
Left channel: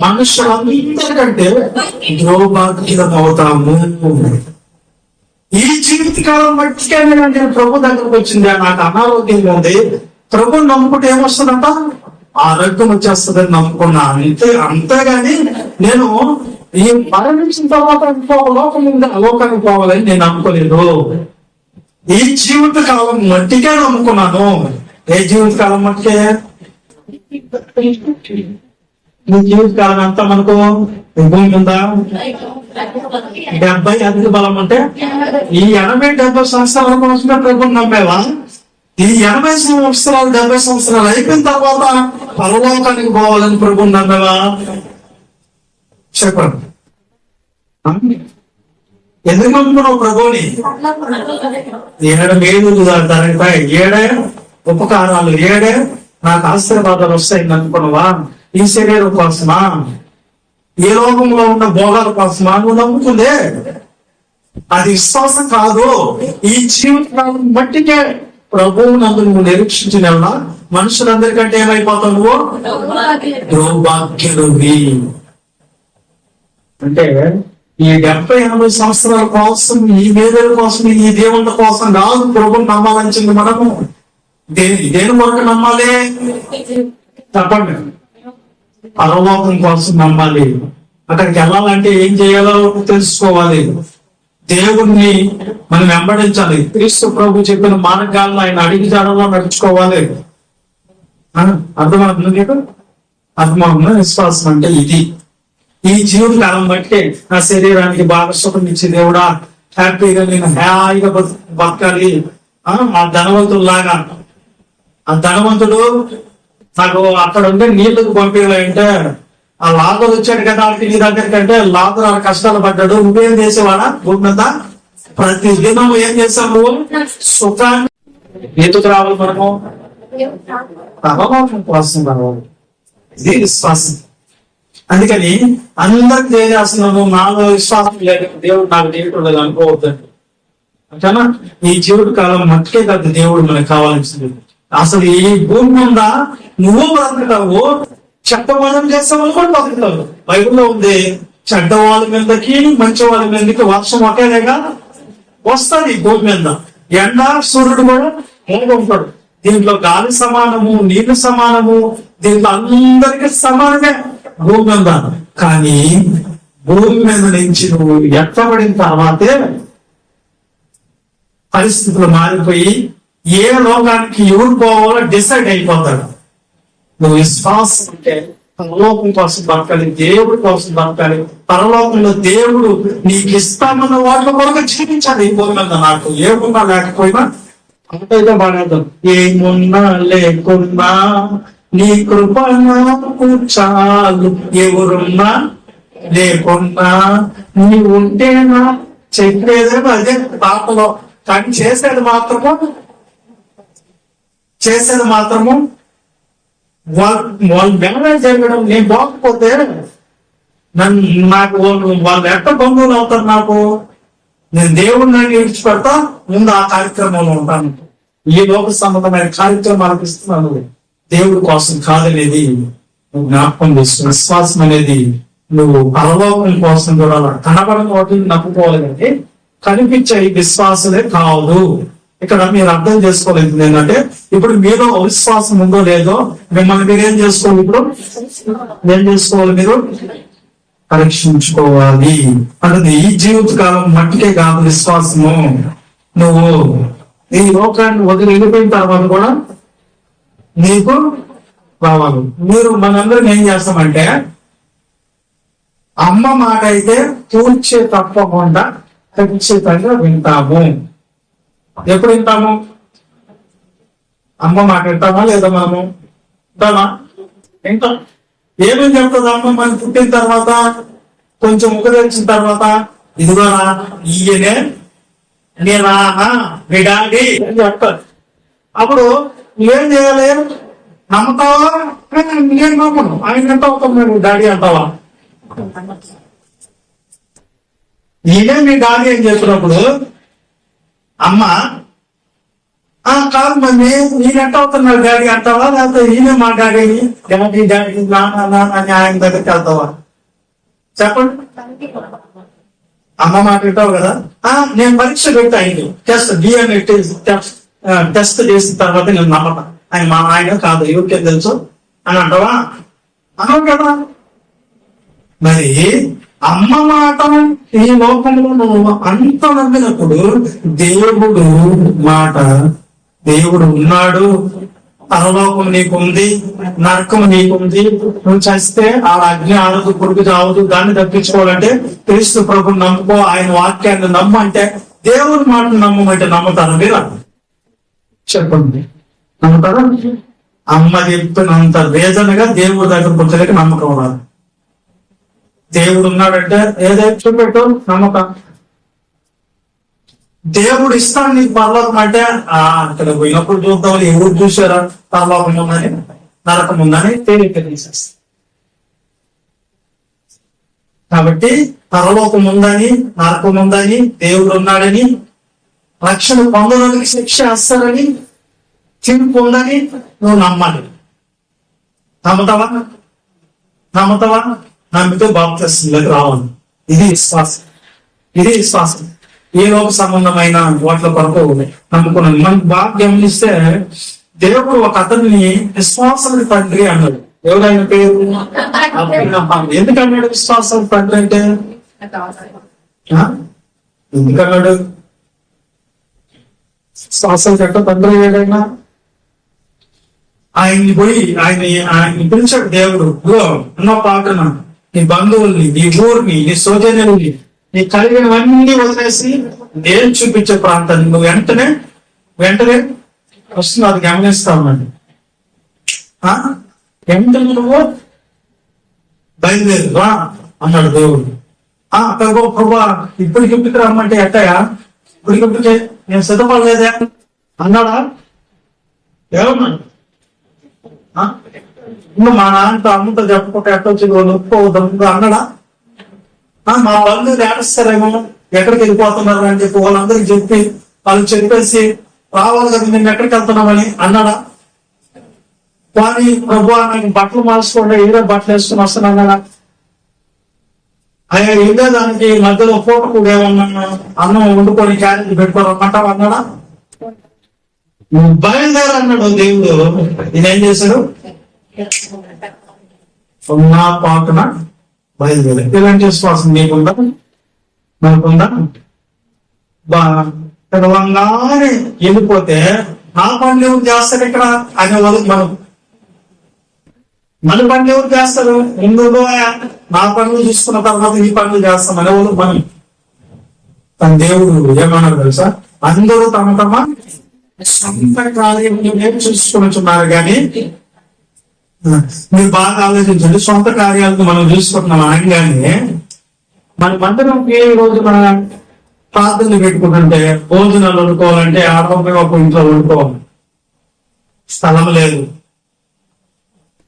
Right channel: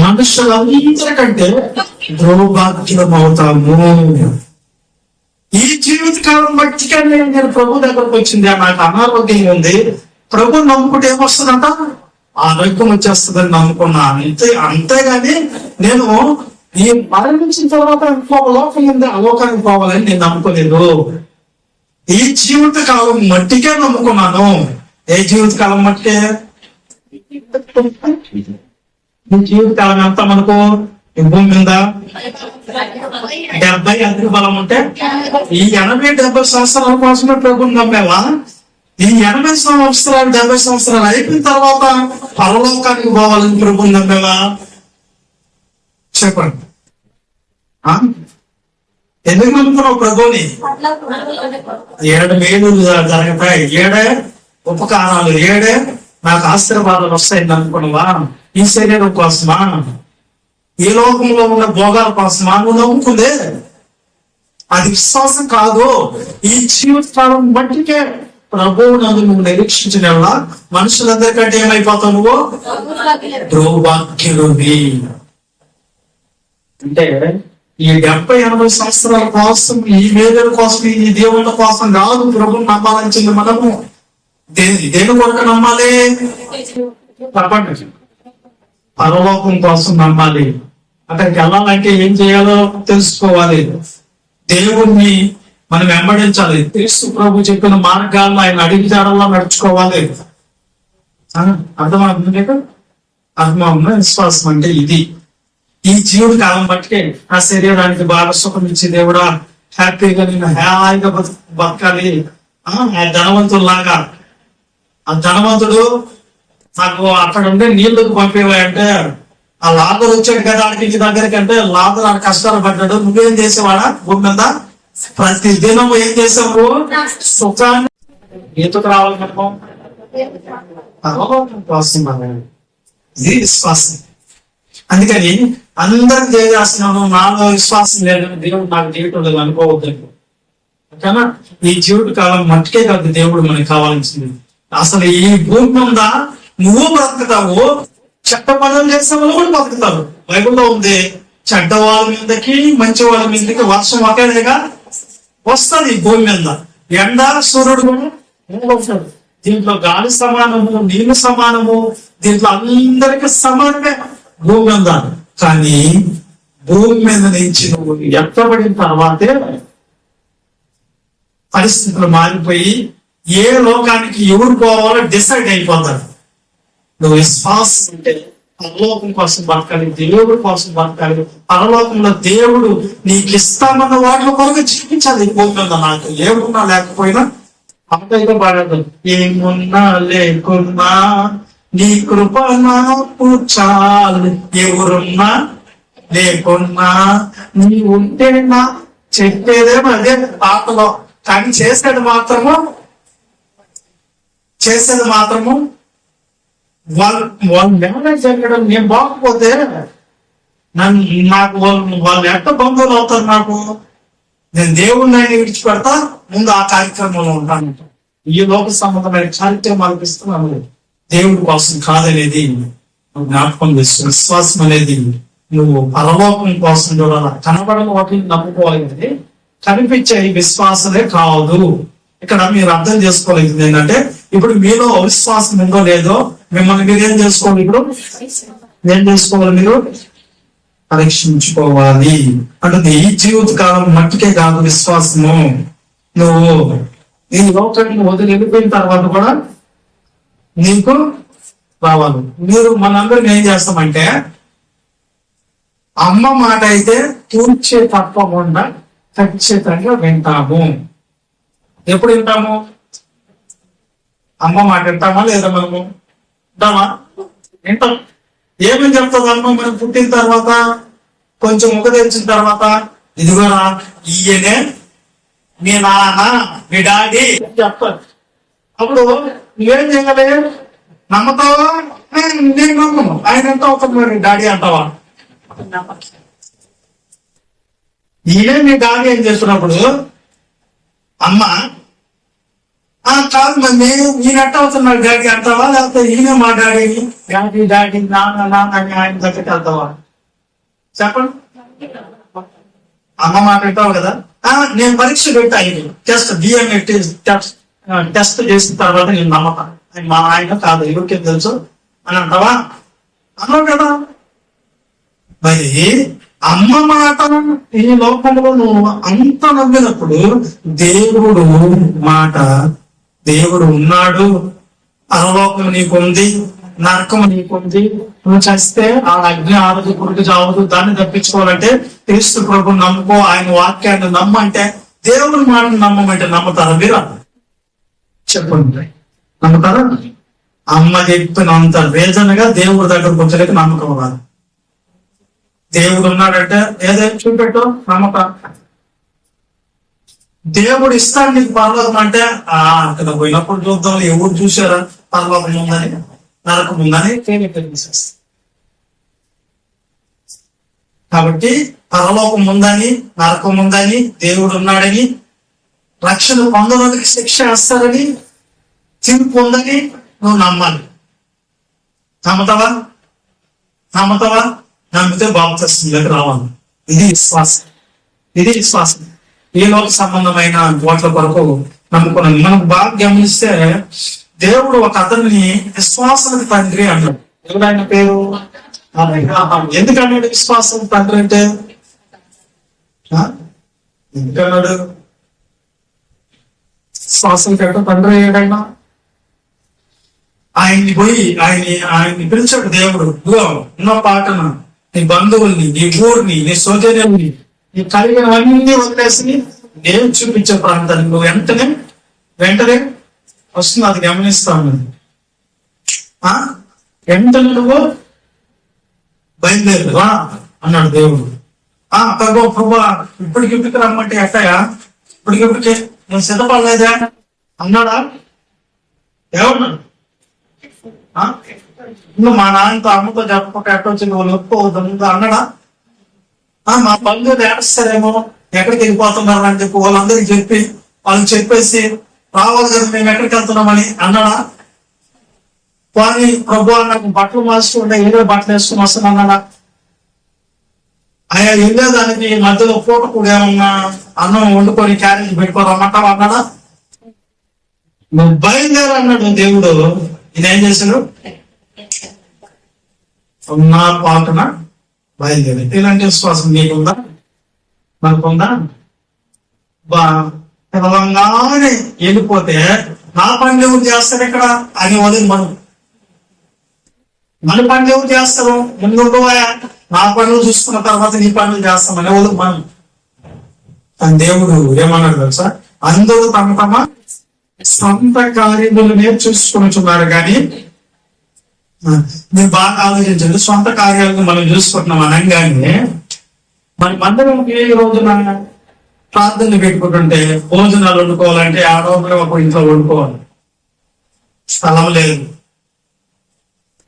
మనుషులందరికంటే ద్రోభాగ్యం అవుతాము. ఈ జీవిత కాలం మట్టికే నేను ప్రభు దగ్గరకు వచ్చింది, నాకు అనారోగ్యంగా ఉంది, ప్రభు నమ్ముకుంటే ఏమొస్తుందంట? ఆరోగ్యం వచ్చేస్తుందని నమ్ముకున్నా. అంతేగాని నేను ఈ మరణించిన తర్వాత ఇంకొక లోకం ఉంది, ఆ లోకానికి పోవాలని నేను నమ్ముకోలేదు. ఈ జీవిత కాలం మట్టికే నమ్ముకున్నాను. ఏ జీవిత కాలం మట్టికే? ఈ జీవిత కాలం ఎంత మనకు? భూమి ఉందా? 70 అధిక బలం ఉంటే ఈ 80-70 సంవత్సరాల కోసమే ప్రభుత్వం నమ్మేవా? ఈ 80 సంవత్సరాలు 70 సంవత్సరాలు అయిపోయిన తర్వాత పరలోకానికి పోవాలని ప్రభుత్వం నమ్మేవా? చెప్పండి. ఎందుకు నమ్ముకున్నావు ప్రభుని? 7 మేలులు జరుగుతాయి, 7 ఉపకారాలు, 7 నాకు ఆశీర్వాదాలు వస్తాయి అనుకున్నావా? ఈ శరీరం కోసమా? ఈ లోకంలో ఉన్న భోగాల కోసమా నువ్వు నమ్ముకుందే? అది విశ్వాసం కాదు. ఈ జీవితకాలం బట్టికే ప్రభువు నందు నువ్వు నిరీక్షించిన మనుషులందరికంటే ఏమైపోతావు? నువ్వు దౌర్భాగ్యుడివి. అంటే ఈ 70-80 సంవత్సరాల కోసం, ఈ వేదల కోసం, ఈ దేవుళ్ళ కోసం కాదు ప్రభుని నమ్మాలని మనము. దేని కొరకు నమ్మాలి? తప్పండి. పరలోకం కోసం నమ్మాలి. అక్కడికి వెళ్ళాలంటే ఏం చేయాలో తెలుసుకోవాలి. దేవుణ్ణి మనం వెంబడించాలి. క్రీస్తు ప్రభు చెప్పిన మార్గాల్లో ఆయన అడిగి జాడల్లో నడుచుకోవాలి. అర్థమవుతుంది మీకు? అర్థమవుతుంది. విశ్వాసం అంటే ఇది. ఈ జీవుడి కాలం బట్టికే నా శరీరానికి బాగా సుఖం ఇచ్చి దేవుడా హ్యాపీగా నేను హాయిగా బతకాలి. ఆ ధనవంతుల్లాగా, ఆ ధనవంతుడు నాకు అక్కడ ఉండే నీళ్లకు పంపేవాయంటే, ఆ లాదరు వచ్చాడు కదా ఆడికి నీ దగ్గరికి అంటే, లాదరు ఆ కష్టాలు పడ్డాడు. నువ్వేం చేసేవాడా భూమి మీద? ప్రతి దినం ఏం చేసాము? సుఖాన్ని. ఎందుకు రావాలి మనము? పరలోకం కోసం రావాలి. ఇది విశ్వాసం. అందుకని అందరికి తెలియజేస్తున్నాను, నాలో విశ్వాసం లేదు, దేవుడు నాకు తెలియటం లేదు అనుకోవద్దండి. ఓకేనా? ఈ జీవిత కాలం మట్టుకే కాదు దేవుడు మనకి కావాల్సింది. అసలు ఈ భూమి మీద నువ్వు బ్రతుకుతావు, చెడ్డ పనులు చేసే వాళ్ళు కూడా బతుకుతారు. బైబిల్లో ఉంది, చెడ్డ వాళ్ళ మీదకి మంచి వాళ్ళ మీదకి వర్షం ఒకేదేగా వస్తుంది. భూమి మీద ఎండ సూర్యుడు కూడా ఉంటాడు. దీంట్లో గాలి సమానము, నీళ్లు సమానము, దీంట్లో అందరికీ సమానమే భూమి మీద. కానీ భూమి మీద నుంచి నువ్వు ఎత్తబడిన తర్వాతే పరిస్థితులు మారిపోయి ఏ లోకానికి ఎవరు పోవాలో డిసైడ్ అయిపోతాడు. నువ్వు విశ్వాసం అంటే పరలోకం కోసం బతకాలి, దేవుడి కోసం బతకాలి. పరలోకంలో దేవుడు నీకు ఇస్తామన్న వాటిలో కొరకు జీవించాలి. ఈ భూమి మీద నాకు ఏమున్నా లేకపోయినా అంతైతే బాగా ఏమున్నా లేకున్నా నీ కృప నాకు చాలు, ఎవరున్నా లేకున్నా నీ ఉంటేనా చెప్పేదేమో అదే పాటలో. కానీ చేసేది మాత్రము వాళ్ళు మేనేజ్ జరగడం. నేను బాగపోతే నాకు వాళ్ళు ఎట్ట బంధువులు అవుతారు. నాకు నేను దేవుడిని విడిచిపెడతా, ముందు ఆ కార్యక్రమంలో ఉంటాను. ఈ లోక సంబంధమైన కార్యక్రమాలకు ఇస్తున్నాను, దేవుడి కోసం కాదనేది నువ్వు జ్ఞాపకం చేస్తు. విశ్వాసం అనేది నువ్వు పరలోకం కోసం చూడాలి. కనపడని వాటిని నమ్ముకోవాలి, కానీ కనిపించే విశ్వాసమే కాదు. ఇక్కడ మీరు అర్థం చేసుకోలేదు ఏంటంటే, ఇప్పుడు మీలో అవిశ్వాసం ఉందో లేదో మిమ్మల్ని మీరేం చేసుకోవాలి. ఇప్పుడు ఏం చేసుకోవాలి? మీరు పరీక్షించుకోవాలి. అంటే ఈ జీవితకాలం మట్టికే కాదు విశ్వాసము. నువ్వు ఈ లోకాన్ని వదిలి వెళ్ళిపోయిన తర్వాత కూడా నీకు రావాలి. మీరు మనందరం ఏం చేస్తామంటే, అమ్మ మాట అయితే తూర్చే తప్పకుండా ఖచ్చితంగా వింటాము. ఎప్పుడు వింటాము? అమ్మ మాట వింటామా లేదా? మనము వింటామా? వింటాం. ఏమని చెప్తుంది అమ్మ మనం పుట్టిన తర్వాత, కొంచెం ముఖ తెరిచిన తర్వాత? ఇదిగోనా ఈయనే నీ నాన్న, మీ డాడీ అని చెప్తారు. అప్పుడు నువ్వేం చేయాలి? నమ్ముతావా? నేను నమ్మను. ఆయన ఎంత అవుతాం మరి డాడీ అంటావా? ఈయనే మీ డాడీ అని చెప్పినప్పుడు అమ్మ కాదు మమ్మీ ఈయనట్ట అవుతున్నాడు డాడీ అంటావా? లేకపోతే ఈయన మా డాడీని డాడీ డాడీ నాన్న నాన్న అని ఆయన దగ్గరికి వెళ్తావా? చెప్పండి. అమ్మ మాట వింటావు కదా. నేను పరీక్ష పెట్టా, ఆయనకి టెస్ట్ డిఎన్ఏ టెస్ట్ చేసిన తర్వాత నేను నమ్మకం ఆయన మా ఆయన కాదు, ఎవరికేం తెలుసు అని అంటావా? అన్నావు కదా. మరి అమ్మ మాట ఈ లోకంలో నువ్వు అంత నమ్మినప్పుడు దేవుడు మాట, దేవుడు ఉన్నాడు, పరలోకం నీకుంది, నరకం నీకుంది. నువ్వు చేస్తే ఆ అగ్ని ఆరదు, కొడుకు చావదు. దాన్ని తప్పించుకోవాలంటే క్రీస్తు ప్రభు నమ్ముకో, ఆయన వాక్యాన్ని నమ్మంటే, దేవుడి మాటను నమ్మమంటే నమ్ముతారా మీరు? చెప్పండి, నమ్ముతారా? అమ్మ చెప్పినంత రీజన్గా దేవుడి దగ్గర కూర్చోలేక నమ్మకం రాదు. దేవుడు ఉన్నాడంటే ఏదైతే చూపెట్టు నమ్మకం. దేవుడు ఇస్తాడు నీకు పరలోకం అంటే, అక్కడ పోయినప్పుడు చూద్దాం, ఎవరు చూసారా పరలోకం ఉందని నరకం ఉందని తేలిక తీసేస్తా. కాబట్టి పరలోకం ఉందని, నరకం ఉందని, దేవుడు ఉన్నాడని, రక్షణ పొందడానికి శిక్ష వేస్తారని, తీర్పు ఉందని నువ్వు నమ్మాలి. నమ్ముతావా? నమ్మితే బాప్తిస్మంలోకి రావాలి. ఇది విశ్వాసం. ఏ లోక సంబంధమైన వాటిల కొరకు నమ్ముకున్నాను. మనకు బాగా గమనిస్తే దేవుడు ఒక అతన్ని విశ్వాసం తండ్రి అన్నాడు. ఎవరు ఆయన పేరు? ఎందుకన్నాడు విశ్వాసం తండ్రి అంటే? ఎందుకన్నాడు? విశ్వాసం కంటే తండ్రి ఏదైనా ఆయన్ని పోయి ఆయన్ని పిలిచాడు దేవుడు. ఉన్న పాటను, నీ బంధువుల్ని, నీ ఊరిని, నీ సోదరుల్ని, నీ కలిగినవన్నీ వదిలేసి నేను చూపించే ప్రాంతాన్ని నువ్వు వెంటనే వస్తుంది. అది గమనిస్తా ఉన్నాడు. వెంటనే నువ్వు బయలుదేరు రా అన్నాడు దేవుడు. ప్రభా ఇప్పటికిప్పటికి రమ్మంటే ఎట్టయా? ఇప్పటికిప్పటికే నేను సిద్ధపడలేదా అన్నాడా? ఏమన్నాడు? నువ్వు మా నాన్నతో అమ్మతో చెప్పకుండా ఎట్టొచ్చి నొప్పి అవుతుంది అన్నాడా? మా బంధువులు ఏడుస్తారేమో, ఎక్కడికి వెళ్ళిపోతున్నారు అని చెప్పి వాళ్ళందరికి చెప్పేసి రావాలి కదా మేము ఎక్కడికి వెళ్తున్నామని అన్నాడా? కానీ ప్రభు నాకు బట్టలు మార్చుకుంటే ఏదో బట్టలు వేసుకుని వస్తాను అన్నాడా? అయ్యా వెళ్ళేదానికి మధ్యలో పూటకు ఏమన్నా అన్నం వండుకొని క్యారేజ్ పెట్టుకోరమ్మంటావు అన్నాడా? నువ్వు బయలుదేరు అన్నాడు దేవుడు. నేనేం చేశాడు? నా పాటన బయలుదేరు. ఇలాంటి విశ్వాసం నీకుందా? మనకుందా? పిలవంగానే వెళ్ళిపోతే నా పని ఎవరు చేస్తారు ఇక్కడ అని వదిలి మనం మన పనులు ఎవరు చేస్తారు? ముందు నా పనులు చూసుకున్న తర్వాత నీ పనులు చేస్తాం అనేవాళ్ళు మనం. కానీ దేవుడు ఏమన్నాడు తెలుసా? అందరూ తమ తమ సొంత కార్యములనే చూసుకుంటున్నారు. కానీ మీరు బాగా ఆలోచించండి, సొంత కార్యాలను మనం చూసుకుంటున్నాం అనగానే మనమందరం ఏ రోజున ప్రార్థనలు పెట్టుకుంటుంటే భోజనాలు వండుకోవాలంటే ఆడవాళ్ళు ఒక ఇంట్లో వండుకోవాలి, స్థలం లేదు.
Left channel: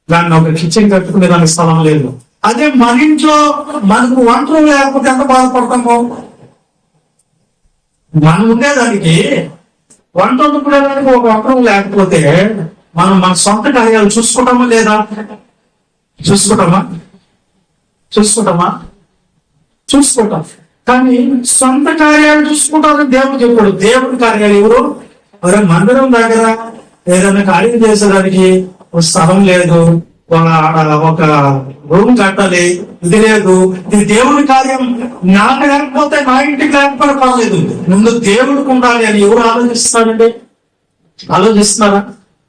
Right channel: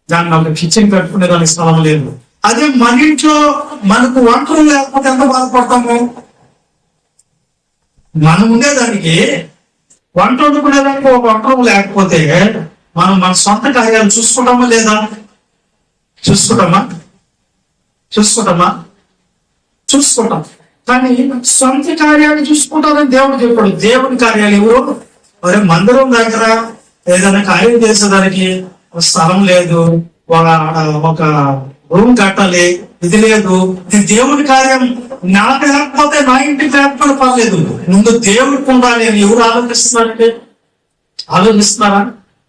దాన్ని ఒక కిచెన్ కట్టుకునే దానికి స్థలం లేదు. అదే మన ఇంట్లో మనకు వంటలు లేకపోతే ఎంత బాధపడతాము? మనం ఉండేదానికి వంట వండుకునేదానికి ఒక వంటలు లేకపోతే మనం మన సొంత కార్యాలు చూసుకుంటామా లేదా? చూసుకుంటాం. కానీ సొంత కార్యాలు చూసుకుంటారని దేవుడు చెప్పాడు. దేవుడి కార్యాలు ఎవరు? మరి మందిరం దగ్గర ఏదైనా కార్యం చేసేదానికి ఒక స్థలం లేదు, ఒక రూమ్ కట్టాలి, ఇది లేదు. ఇది దేవుడి కార్యం. నాకు లేకపోతే మా ఇంటికి లేకపోతే పర్లేదు, ముందు దేవుడికి ఉండాలి అని ఎవరు ఆలోచిస్తున్నారండి? ఆలోచిస్తున్నారా?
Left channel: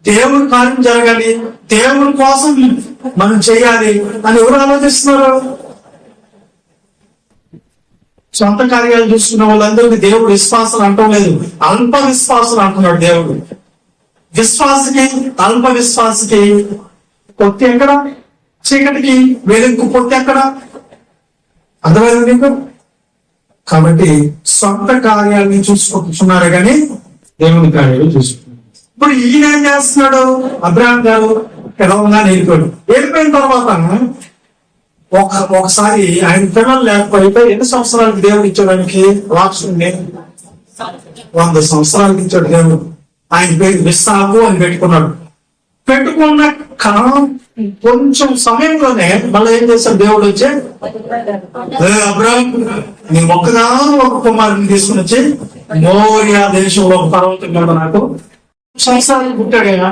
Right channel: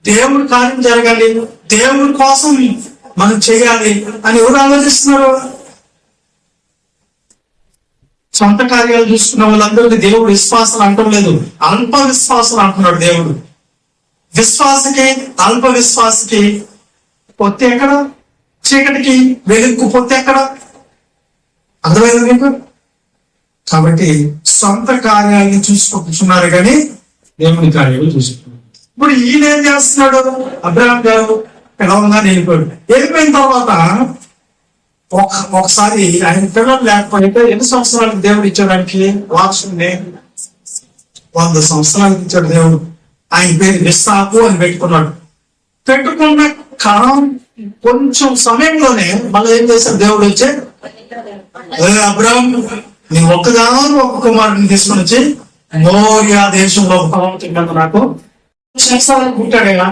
దేవుడి కార్యం జరగాలి, దేవుడి కోసం మనం చేయాలి అని ఎవరు ఆలోచిస్తున్నారు? సొంత కార్యాలు చూసుకున్న వాళ్ళందరికీ దేవుడు విశ్వాసం అంటూ లేదు, అల్ప విశ్వాసం అంటున్నాడు దేవుడు. విశ్వాసకి అల్ప విశ్వాసకి పొత్తి ఎక్కడ? చీకటికి వెలుగు పొత్తి ఎక్కడ? అర్థమైంది మీకు? కాబట్టి సొంత కార్యాలను చూసుకుంటున్నారు కానీ దేవుని కార్యాలు చూసుకుంటున్నారు. ఇప్పుడు ఈయన ఏం చేస్తున్నాడు? అబ్రహాం గారు పిలవగానే వెళ్ళిపోయిన తర్వాత ఒకసారి ఆయన పిల్లలు లేకపోతే ఎన్ని సంవత్సరాలకు దేవుడు ఇచ్చడానికి వాక్సుని 100 సంవత్సరాలకు ఇచ్చాడు దేవుడు. ఆయన పేరు ఇస్సాకు అని పెట్టుకున్నాడు. పెట్టుకున్న కొంచెం సమయంలోనే మళ్ళీ ఏం చేశాడు? దేవుడు వచ్చి, అబ్రహాం నీ ఒక కుమారుని తీసుకుని వచ్చి మోరియా దేశంలో ఒక పర్వతం మీద నాకు సంవత్సరాలకు పుట్టాడైనా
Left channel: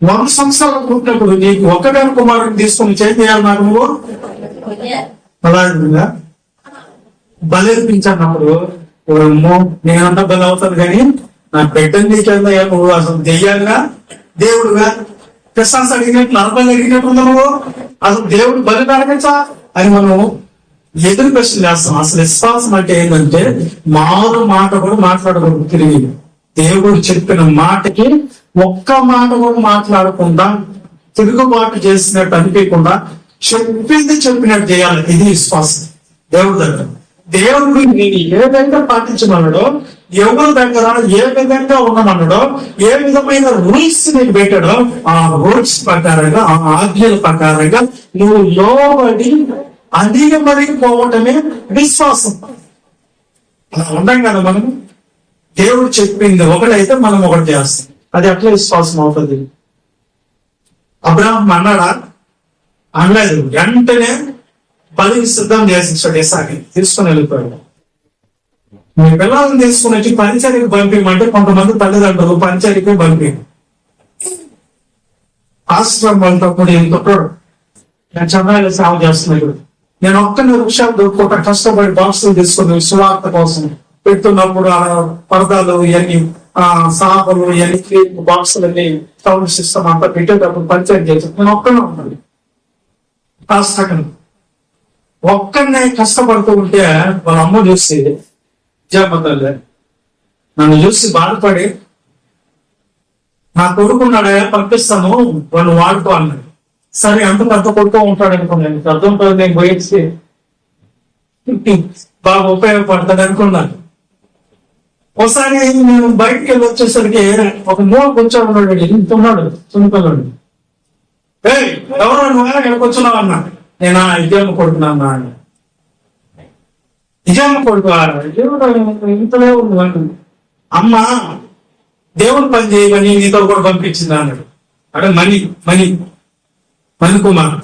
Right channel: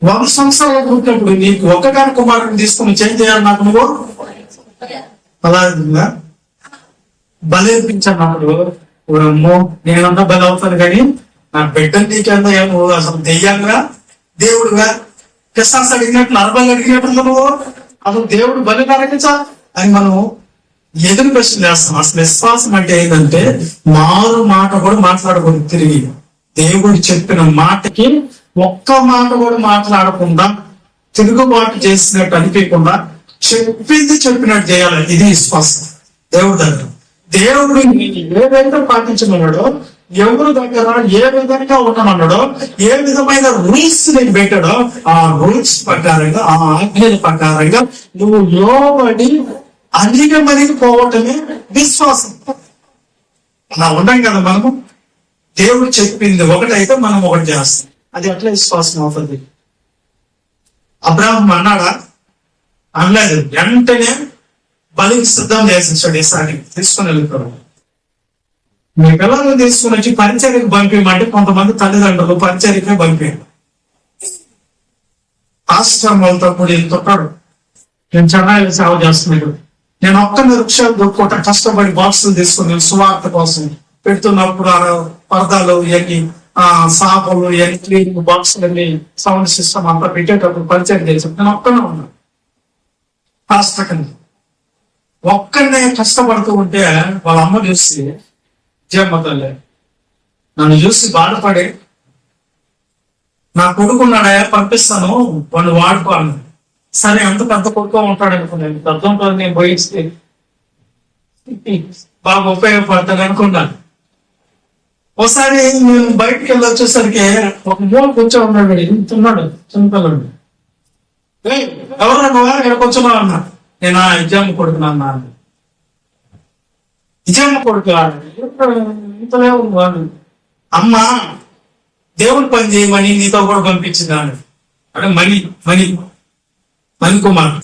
100 సంవత్సరాలకు పుట్టినప్పుడు నీకు ఒక్కగాని కుమారుని తీసుకుని చేంజ్ చేయాలి నాకు నువ్వు అలా బలేర్పించాను. నేనంతా బలి అవుతాను కానీ నా బిడ్డని నీకెంత నువ్వు అసలు దెయ్యాలుగా దేవుడుగా క్రిస్టన్స్ అడిగినట్టు నరబాలు అడిగినట్టు నువ్వు అసలు దేవుడు బలి అడగచ్చా అని మనం ఎదురు ప్రశ్న చేస్తాం. అసలు విశ్వాసం అంటే ఏంటంటే మారు మాట కూడా మాట్లాడకూడదు. తిరిగి దేవుడు చెప్పిన మాటకి ఒక్క మాట కూడా మాట్లాడకుండా తిరుగుబాటు చేసినట్టు అనిపించకుండా చెప్పింది చెప్పినట్టు చేయాలి. ఇది విశ్వాసం దేవుడి దగ్గర. దేవుడు నేను ఏదైతే పాటించమన్నాడో, ఎవరి దగ్గర ఏ విధంగా ఉండమన్నాడో, ఏ విధమైన రూల్స్ నీకు పెట్టాడో ఆ రూల్స్ ప్రకారంగా, ఆ ఆజ్ఞల ప్రకారంగా నువ్వు లోబడి అధిగమనికి పోవటమే విశ్వాసం. అలా ఉండం కదా మనము. దేవుడు చెప్పింది ఒకటైతే మనం ఒకటి చేస్తాం. అది అట్లా విశ్వాసం అవుతుంది. అబ్రాహం అన్నాడా? అనలేదు. వెంటనే బలికి సిద్ధం చేసించాడు. ఈసారి తీసుకుని వెళ్ళిపోయాడు. మీ పిల్లలను తీసుకుని వచ్చి పరిచర్యకి పంపించమంటే కొంతమంది తల్లిదండ్రులు పరిచర్యకే పంపారు. ఆశ్రమాలతో కూడా ఇంకొకడు నేను చెన్నైలో సేవ చేస్తున్నాడు. నేను ఒక్క వృక్షాలు పూట కష్టపడి బాక్సులు తీసుకుని సువార్త కోసం పెడుతున్నప్పుడు ఆ పరదాలు ఇవన్నీ సాపలు ఇవన్నీ క్లీన్ బాక్సులన్నీ సౌండ్ సిస్టమ్ అంతా పెట్టేటప్పుడు పరిచయం చేసి నేను ఒక్కనే ఉన్నాను. ఒక్కనే కష్టపడుతూ ఉంటే వాళ్ళ అమ్మ చూసి జయమతల్లే నన్ను చూసి బాధపడి నా కొడుకున్నాడయా పంపిస్తాను వాళ్ళు వాడుకో అన్నాడు. సరే అంత పెద్ద కొడుకు ఉంటాడు అనుకున్నాను. అర్థం పది నేను పోయిస్తే బాగా ఉపయోగపడతాడు అనుకున్నాను. ఒకసారి నేను బయటికి వెళ్ళి వచ్చేసరికి ఒక మూల కూర్చో ఉన్నాడు. ఇంత ఉన్నాడు చిన్నపిల్లడు. ఎవరో నువ్వా ఇక్కడ కూర్చున్నావు అన్నా. నేను ఇజమ్మ కొడుకున్నా అన్నా. ఇజమ్మ కొడుకు ఇంతలే ఉన్నాడు. అమ్మ దేవుని పని చేయమని నీతో కూడా పంపించింది అన్నాడు. అంటే మణి కుమార్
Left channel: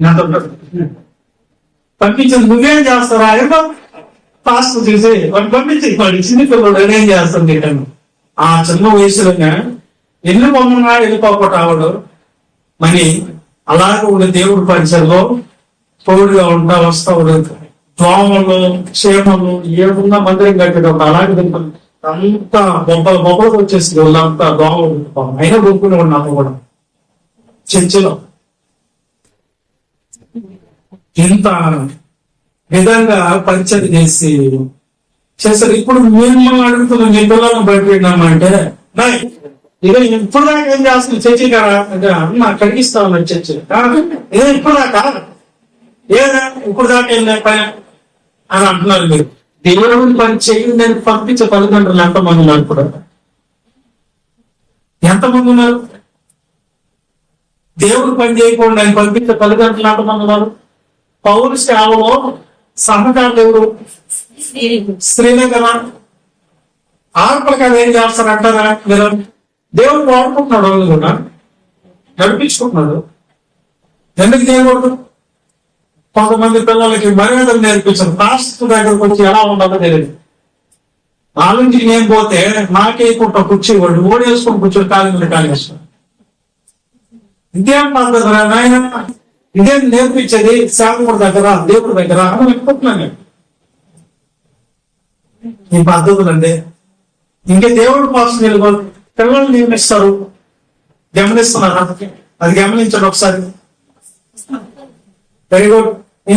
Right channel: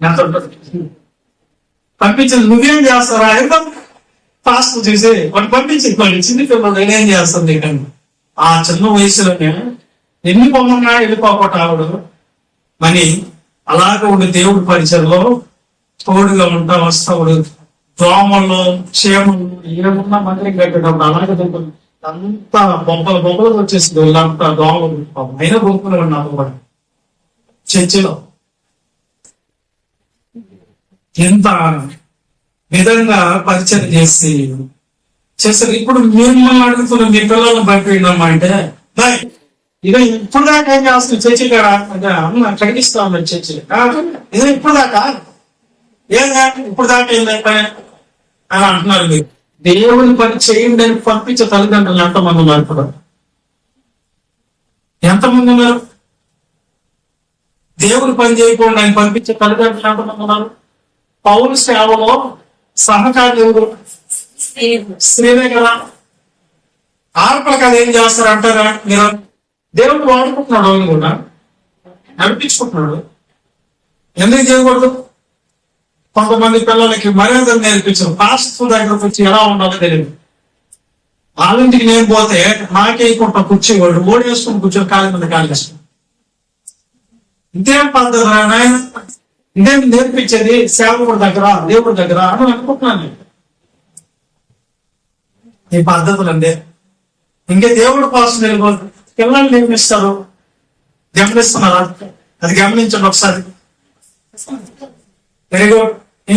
నాతో పంపించింది. నువ్వేం చేస్తారా? ఏదో పాస్ట్ చూసి వాడు పంపించింది. వాడు చిన్న పిల్లడు నేనేం చేస్తాను చేయటం. ఆ చిన్న వయసులోనే ఎన్ని పొమ్మన్నా వెళ్ళిపోకుండా ఆవిడు మరి అలాగే ఉండే దేవుడి పరిచయంలో తోడుగా ఉంటా వస్తావుడు. దోమలు క్షేమలు ఏమున్నా మందిరం కట్టేటప్పుడు అలాగే అంతా బొబ్బలకు వచ్చేసింది. వాళ్ళంతా దోమలు అయినా గుంపులు ఉన్నాము కూడా చర్చిలో. ఎంత విధంగా పరిచయం చేశారు. ఇప్పుడు మిమ్మల్ని అడుగుతున్నాం, మీ పిల్లలను భయపెట్టినామంటే ఇక ఇప్పుడు దాకా ఏం చేస్తుంది చర్చి కదా అంటే అమ్మ ఖండిస్తా ఉన్నారు చర్చి. ఇదే ఇప్పుడు దాకా ఏదా ఇప్పుడు దాకా ఏం లేక అని అంటున్నారు. మీరు దేవుని పని చేయండి అని పంపించే తల్లిదండ్రులు ఎంతమంది ఉన్నారు? ఇప్పుడు ఎంతమంది ఉన్నారు? దేవుని పని చేయకుండా ఆయన పంపించే తల్లిదండ్రులు ఎంతమంది ఉన్నారు? పౌరు సేవలో సహకారులు ఎవరు? స్త్రీలే కదా. ఆడపిల్లకి అది ఏం చేస్తారు అంటారా మీరు? దేవుడు వాడుకుంటున్నాడు, వాళ్ళు కూడా నడిపించుకుంటున్నాడు. ఎందుకు చేయకూడదు? కొంతమంది పిల్లలకి మర్యాదలు నేర్పించారు. పాస్టర్ దగ్గరకు వచ్చి ఎలా ఉండాలో తెలియదు. వాళ్ళింటికి నేను పోతే నాకేకుంటా కూర్చోవాడు, ఓడి వేసుకొని కూర్చొని కాలి మీద కాలి వేసుకుని. ఇదేం పద్ధతి నాయన, ఇదేం నేర్పించేది సేవకుడి దగ్గర దేవుడి దగ్గర అని అనుకుంటున్నాను నేను. ఈ పద్ధతులు అండి. ఇంకే దేవుడు కోసం వెళ్ళిపోదు. పిల్లల్ని నియమిస్తారు, గమనిస్తున్నారా? అది గమనించండి ఒకసారి. Very good.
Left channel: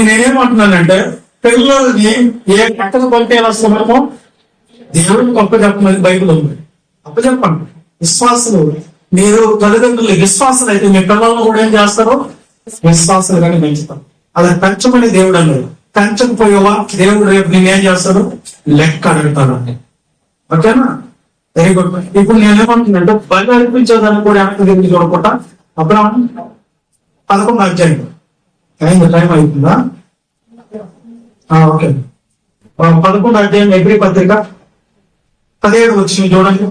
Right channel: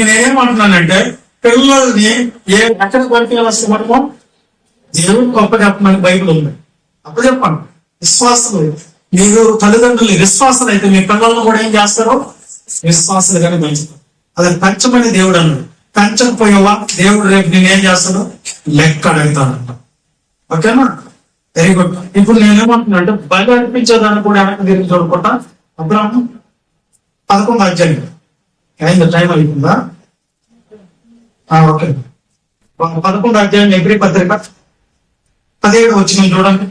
నేనేమంటున్నానంటే పిల్లల్ని ఎక్కడ పంపేయాలి అసలు మనము? దేవుడికి అప్పచెప్పమని బైబిల్ ఉంది. అప్పచెప్పండి. విశ్వాసులు, మీరు తల్లిదండ్రులు విశ్వాసాలు అయితే మీ పిల్లలను కూడా ఏం చేస్తారు? విశ్వాసాలుగానే పెంచుతారు. అది పెంచమని దేవుడు అన్నాడు. పెంచకపోయేవా దేవుడు రేపు నేనేం చేస్తాడు? లెక్క అడుగుతాడు అంట. ఓకేనా? Very good. ఇప్పుడు నేనేమంటున్నానంటే బయట అనిపించేదాన్ని కూడా వెనక్కి తిరిగి చూడకుండా అబ్రాహం 11 అధ్యాయం అయింది. టైం అవుతుందా? ఓకే. 11 అధ్యాయం ఎబ్రీ పత్రిక 17 వచ్చింది చూడండి.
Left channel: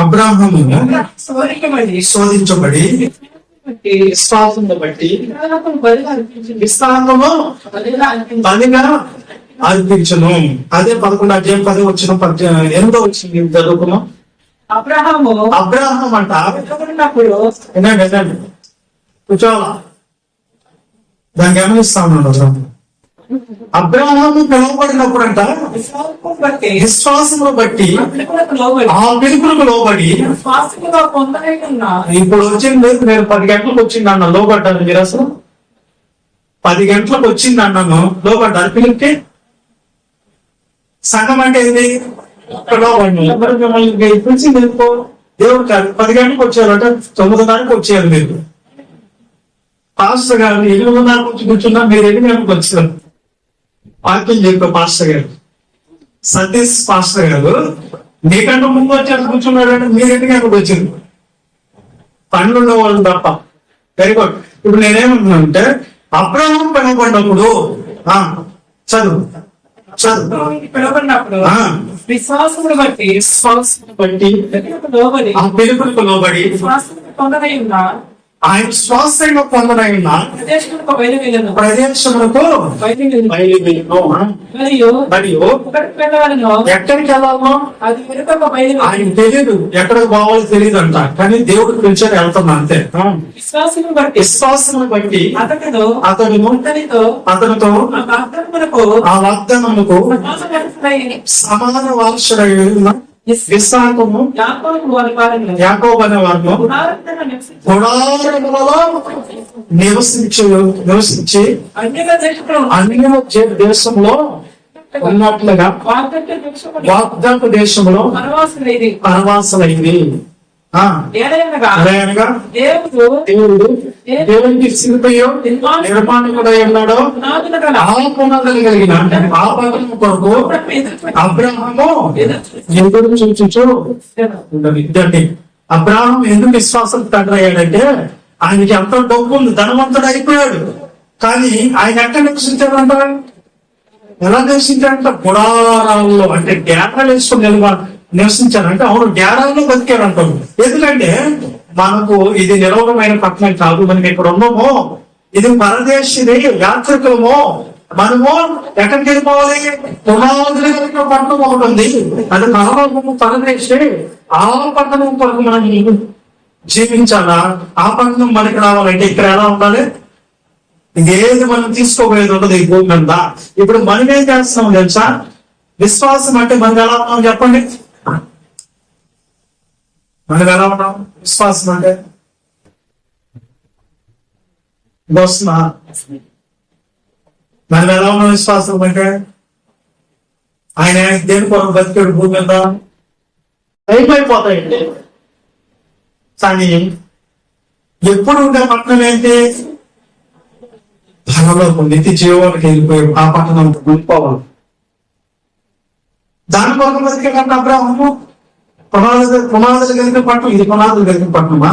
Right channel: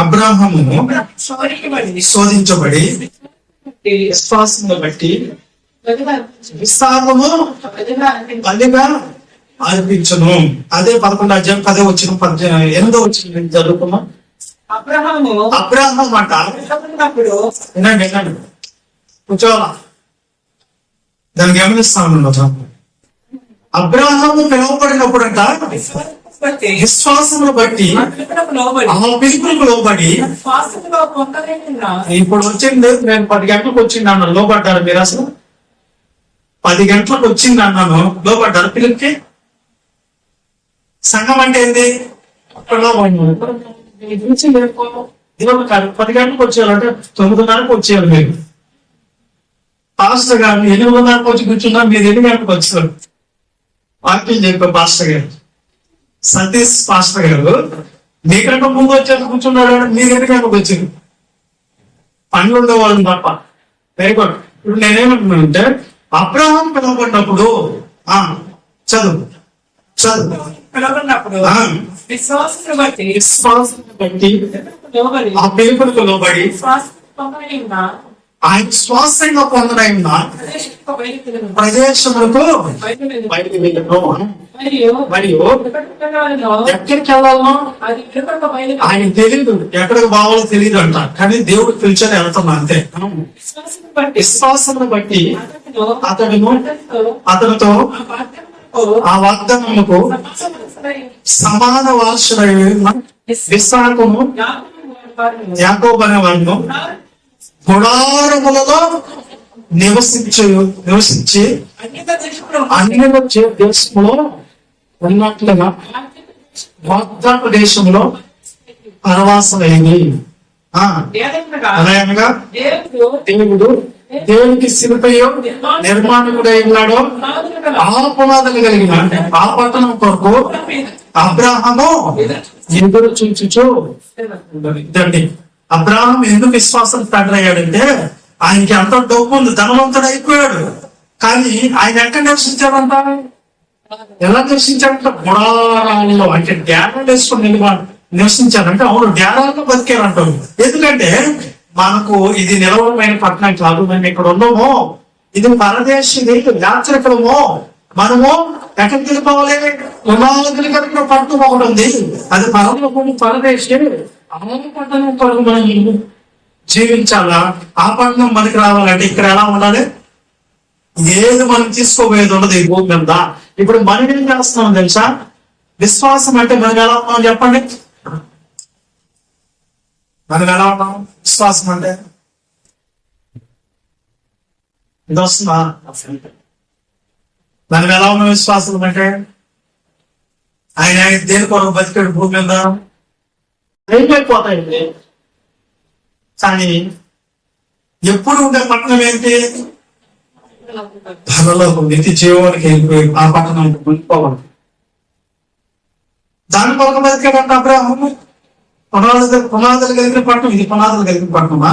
అబ్రాహము శోధించబడి విశ్వాసంలో బట్టి విశ్రామము బలిగా అర్పించును. అదే 11 అధ్యాయం 10 వచ్చిన 8 వచ్చింది చదువుకున్నాం. అబ్రాహం అంట వినండి కూర్చోవాలా, దాన్ని గమనిస్తాను. అబ్రాహాము పిలువబడినప్పుడు అంట విశ్వాసమును బట్టి ఆ పిలుపులకు లోబడి. ఇప్పుడు వచ్చింది, నేను 10 గంటలకు వచ్చింది అన్న లోబడ్డాను. మీరు అసలు 10 గంటలకు వచ్చింది అన్నాను, లోబడ్డారు పిలుపుకి. సంఘం అంటే ఏంది? దేవుడు కాదు. 10 గంటలకు వచ్చేయాలంటే 9:30కు వచ్చేయాలి. మీరు పాస్టర్ గారు 8:30కు వచ్చి కూర్చున్నా, మీరు 8 గంటలకు వచ్చారు. వాక్యం చెప్పారు పాస్టర్ గారు, సతీష్ పాస్టర్ గారు మీకంటే ముందు వచ్చేసి కూర్చున్నాడు. మీరు 8 గంటలకు వచ్చారు. పనులు ఉండేవాళ్ళు తప్ప. Very good. ఇప్పుడు నేనేమంటున్నానంటే అబ్రాహం పిలువబడినప్పుడు చదువు పిలువబడినప్పుడు విశ్వాసమును బట్టి ఆ పిలుపులకు లోబడి ఆయన శ్వాసంగా పొందడై ఉన్న ప్రదేశములకు మరియు ఎక్కడికి వెళ్ళాలనో ఆయన తెలియదు, ఎక్కడికి పోవాలో తెలియదు అంట. కానీ దేవుడు పిలిచేది వెళ్తాం అంతే. విశ్వాసమును బట్టి అతనితో ఆ వాగ్దానముకు సమాన వారసుడై విశ్వాసము యాకోబు అనే వారు గుడారములలో నివసించి అన్య దేశంలో ఉన్నట్లుగా వాగ్దాన దేశంలో పరవాసులైంది. దేవుడు దేవునికి శిల్పయో నిర్మాణకుడై ఉన్నాడో ఆ పునాదులు కలిగిన ఆ పట్టణం కొరకు అబ్రాహము ఎదురు చూచుచు. ఇదండి అబ్రాహం ఎందుకు విశ్వాసం తండ్రయ్యాడంటే ఆయనకి ఎంతో డబ్బు ఉంది, ధనవంతుడు అయిపోయాడు. కానీ ఆయన ఎక్కడ నివసించాడంట? ఎలా నివసించాడంట? గుడారాల్లో, అంటే డేరాలు వేసుకుని నివసించారంటే. అవును, డేరాల్లో బతికారంటారు. ఎందుకంటే మనకు ఇది నిలవమైన పట్టణం కాదు. మనం ఇక్కడ ఉన్నామో, ఇది పరదేశిది, యాత్రికులమో. మనము ఎక్కడికి వెళ్ళిపోవాలి? పునాదులు కలిగిన పట్టణం ఒకటి ఉంది, అది పరలోకము పరదేశి. ఆ పట్టణం కొరకు మనం జీవించాలా? ఆ పట్టణం మనకి రావాలంటే ఇక్కడ ఎలా ఉండాలి? ఏది మనం తీసుకోబోయేది ఉండదు ఈ భూమి మీద. ఇప్పుడు మనం ఏం చేస్తున్నాం తెలుసా? విశ్వాసం అంటే మనం ఎలా ఉన్నాం చెప్పండి? మనం ఎలా ఉన్నాం? విశ్వాసం అంటే ఇది వస్తుందా? మనం ఎలా ఉన్న విశ్వాసం అంటే ఆయన దేని కొరకు బతికాడు భూమి మీద అయిపోతాయండి. కానీ ఎప్పుడు ఉండే పట్టణం ఏంటి? పరలోకం, నిత్య జీవానికి వెళ్ళిపోయి ఆ పట్టణం వెళ్ళిపోవాలి. దాని కొరకు బతికాడంటే అబ్రాహము. పునాదులు కలిగిన పట్టణం ఇది. పునాదులు కలిగిన పట్టణమా?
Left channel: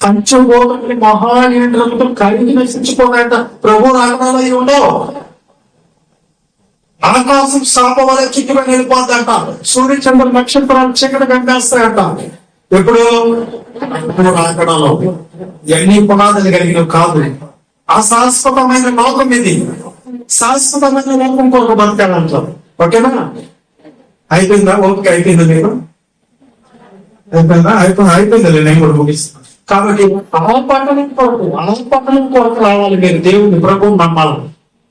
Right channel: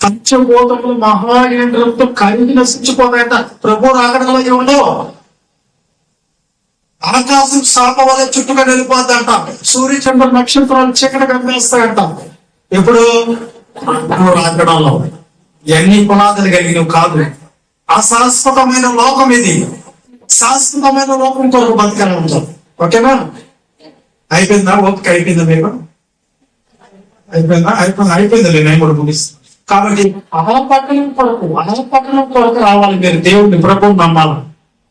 పంచభూతములు మహానేంద్రముతో కలిగి నశించిపోతాయంట. ప్రభు రాకడంలో ఏముండవు. ఆకాశం శాప వల్ల చుట్టుగా వెళ్ళిపోతాయంట. సూర్య చంద్ర నక్షత్రాలు చీకటి కనిపిస్తాయంట. ఎప్పుడు? రాకడంలో. ఎన్ని పునాదులు కలిగిన కాదు. అశాశ్వతమైన లోకం ఇది. శాశ్వతమైన లోకం కొరకు బతకాలంటాం. ఓకేనా? అయిపోయిందా? ఓకే, అయిపోయిందా? మీరు అయిపోయిందా? అయిపోయింది. నేను కూడా ముగిస్తాను. కాబట్టి పట్టణం కొరకు రావాలి. మీరు దేవుడిని ప్రభువు నమ్మాలి.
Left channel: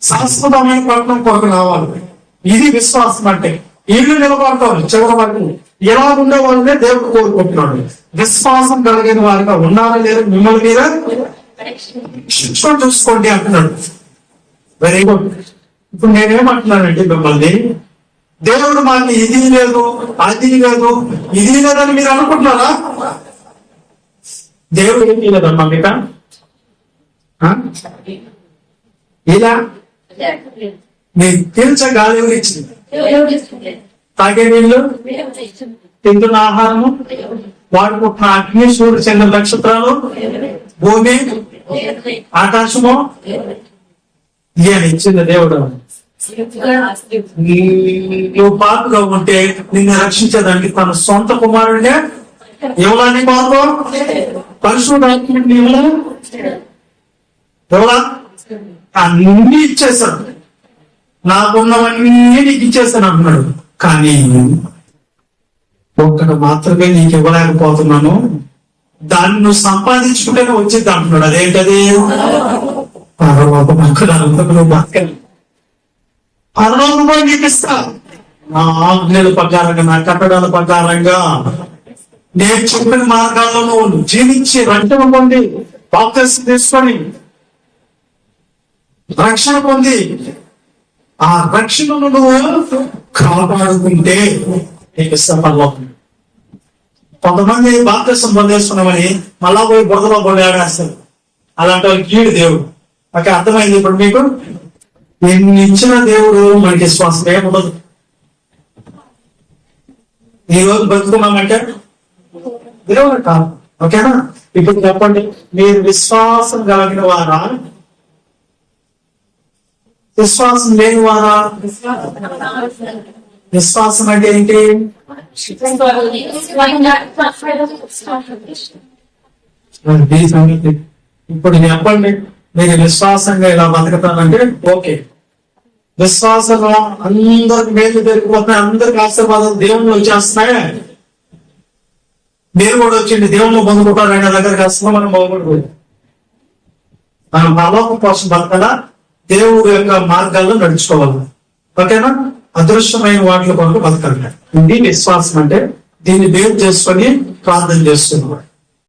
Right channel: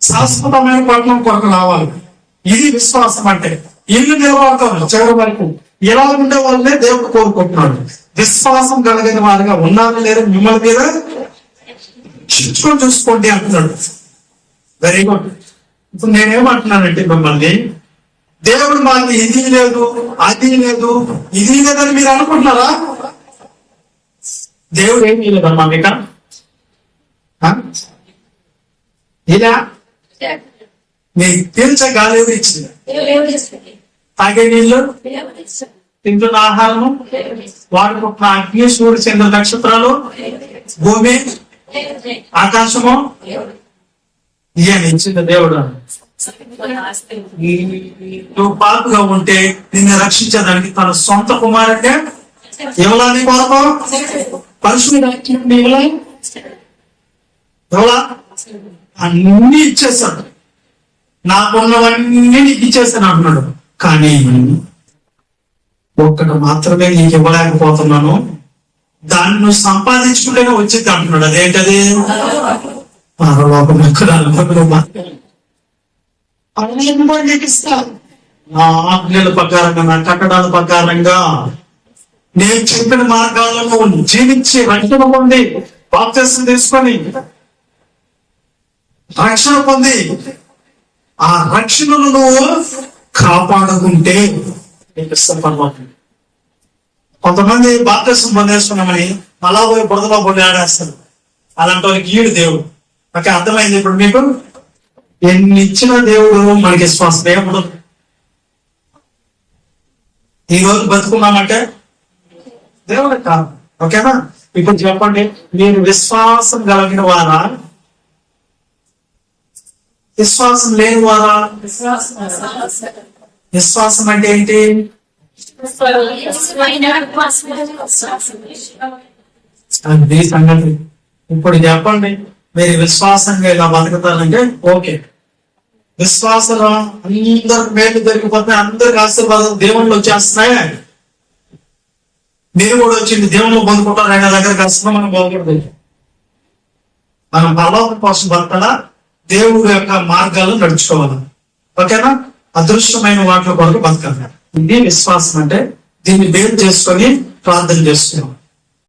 శాశ్వతమైన పట్టణం కొరకు రావాలి. ఇది విశ్వాసం అంటే. ఇల్లు నిలబడతారు చివరి వరకు. ఎలా ఉండే వాళ్ళనే దేవుడు కోరుకుంటున్నాడు. విశ్వాసం కలిగిన వారిగా ఉన్నారా లేదా మిమ్మల్ని మీద చూసుకోండి అంటున్నాడు. Very good. ఇప్పుడు నేనేమంటున్నానంటే మిమ్మల్ని, దేవుడు మాకు ఇది లేదు, అది లేదు, ఇది లేదని మీరు అనుకుంటున్నారా? దేవుడు ఏం లేదమ్మా మీక ఇలా మీకు పీల్చే గాలి ఇచ్చింది, తాగే నీళ్లు, తింటున్న ఆహారము, వాడుకుంటున్న అగ్ని, సూర్యుడు, చంద్ర నక్షత్రాలు, భూమి, ఆకాశము ఇవన్నీ ఇచ్చింది దేవుడు. నువ్వు పాపుగా ఉంటే నిన్ను రక్షించేదానికి తన సొంత కుమారుడే ఎవరని కొరకు పరిశుద్ధాత్ముడిని ఎవరా అన్ని ఇచ్చేసాడు. నాకున్నవన్నీ నీకు ఇచ్చేసాను అంటున్నాడు. కానీ ఒక్కటి మాత్రమే నీకు ఇవ్వలేకపోతున్నాను, దాన్ని నువ్వు సంపాదించుకుంటేనే వచ్చింది అంటున్నాడు. అదేంటది? పరలోకం కూడా నీకు ఇస్తా. నా ఆజ్ఞల ప్రకారంగా, నా కట్టడాల ప్రకారంగా, నేను చెప్పిన మార్గాలను జీవించి రక్షణ పొంది, బాప్తిసం తీసుకొని రక్షణ పొంది ఆ రక్షణను నువ్వు కాపాడుకుంటే నీకు ఇస్తా పరలోకం. కొంతమంది బాప్తిసం పొందేస్తున్నామని మళ్ళా పోయి బురదలో పొంది ఆడేస్తారు. అలాంటి వాళ్ళకి ఈడు దేవుడు. ఓకే, అర్థమైంది ఇప్పుడు మీకు? ఎన్ని ఇచ్చిన దేవుడు మనకి విశ్వాసం ఏముండదు. ఈ రోజు బతుకున్నామంటే దేవుడు కాదు. ఓకేనా? ఇప్పుడు చెప్పండి, మీరు విశ్వాసం కలిగిన వారా, విశ్వాసం లేని వారా? విశ్వాసం అంటే ఏంటి? అది సంగతి. ఇప్పుడు చెప్పండి, మీరు విశ్వాసంగా ఇలా బతుకుతారంటే ఓకే. విశ్వాసంలో అందరికి మేలు దొరికిపోతున్నాయి, అందరికి ఆశీర్వాదాలు దేవుళ్ళు వచ్చేస్తున్నాయి. మీరు కూడా వచ్చింది దేవుళ్ళు పొందుకుంటారు. ఆయన దగ్గరికి వస్తున్నా మనం బాగుపడదు. మనం పరలోకం కోసం బతకడా, దేవుడి యొక్క మార్గాల్లో నడుచుకోవాలి. ఓకేనా? అదృష్టమైన వాటిలో కొరకు బతకాలి. ఇది విశ్వాసం అంటే. దీన్ని బేస్ చేసుకొని ప్రార్థన చేస్తున్నాం.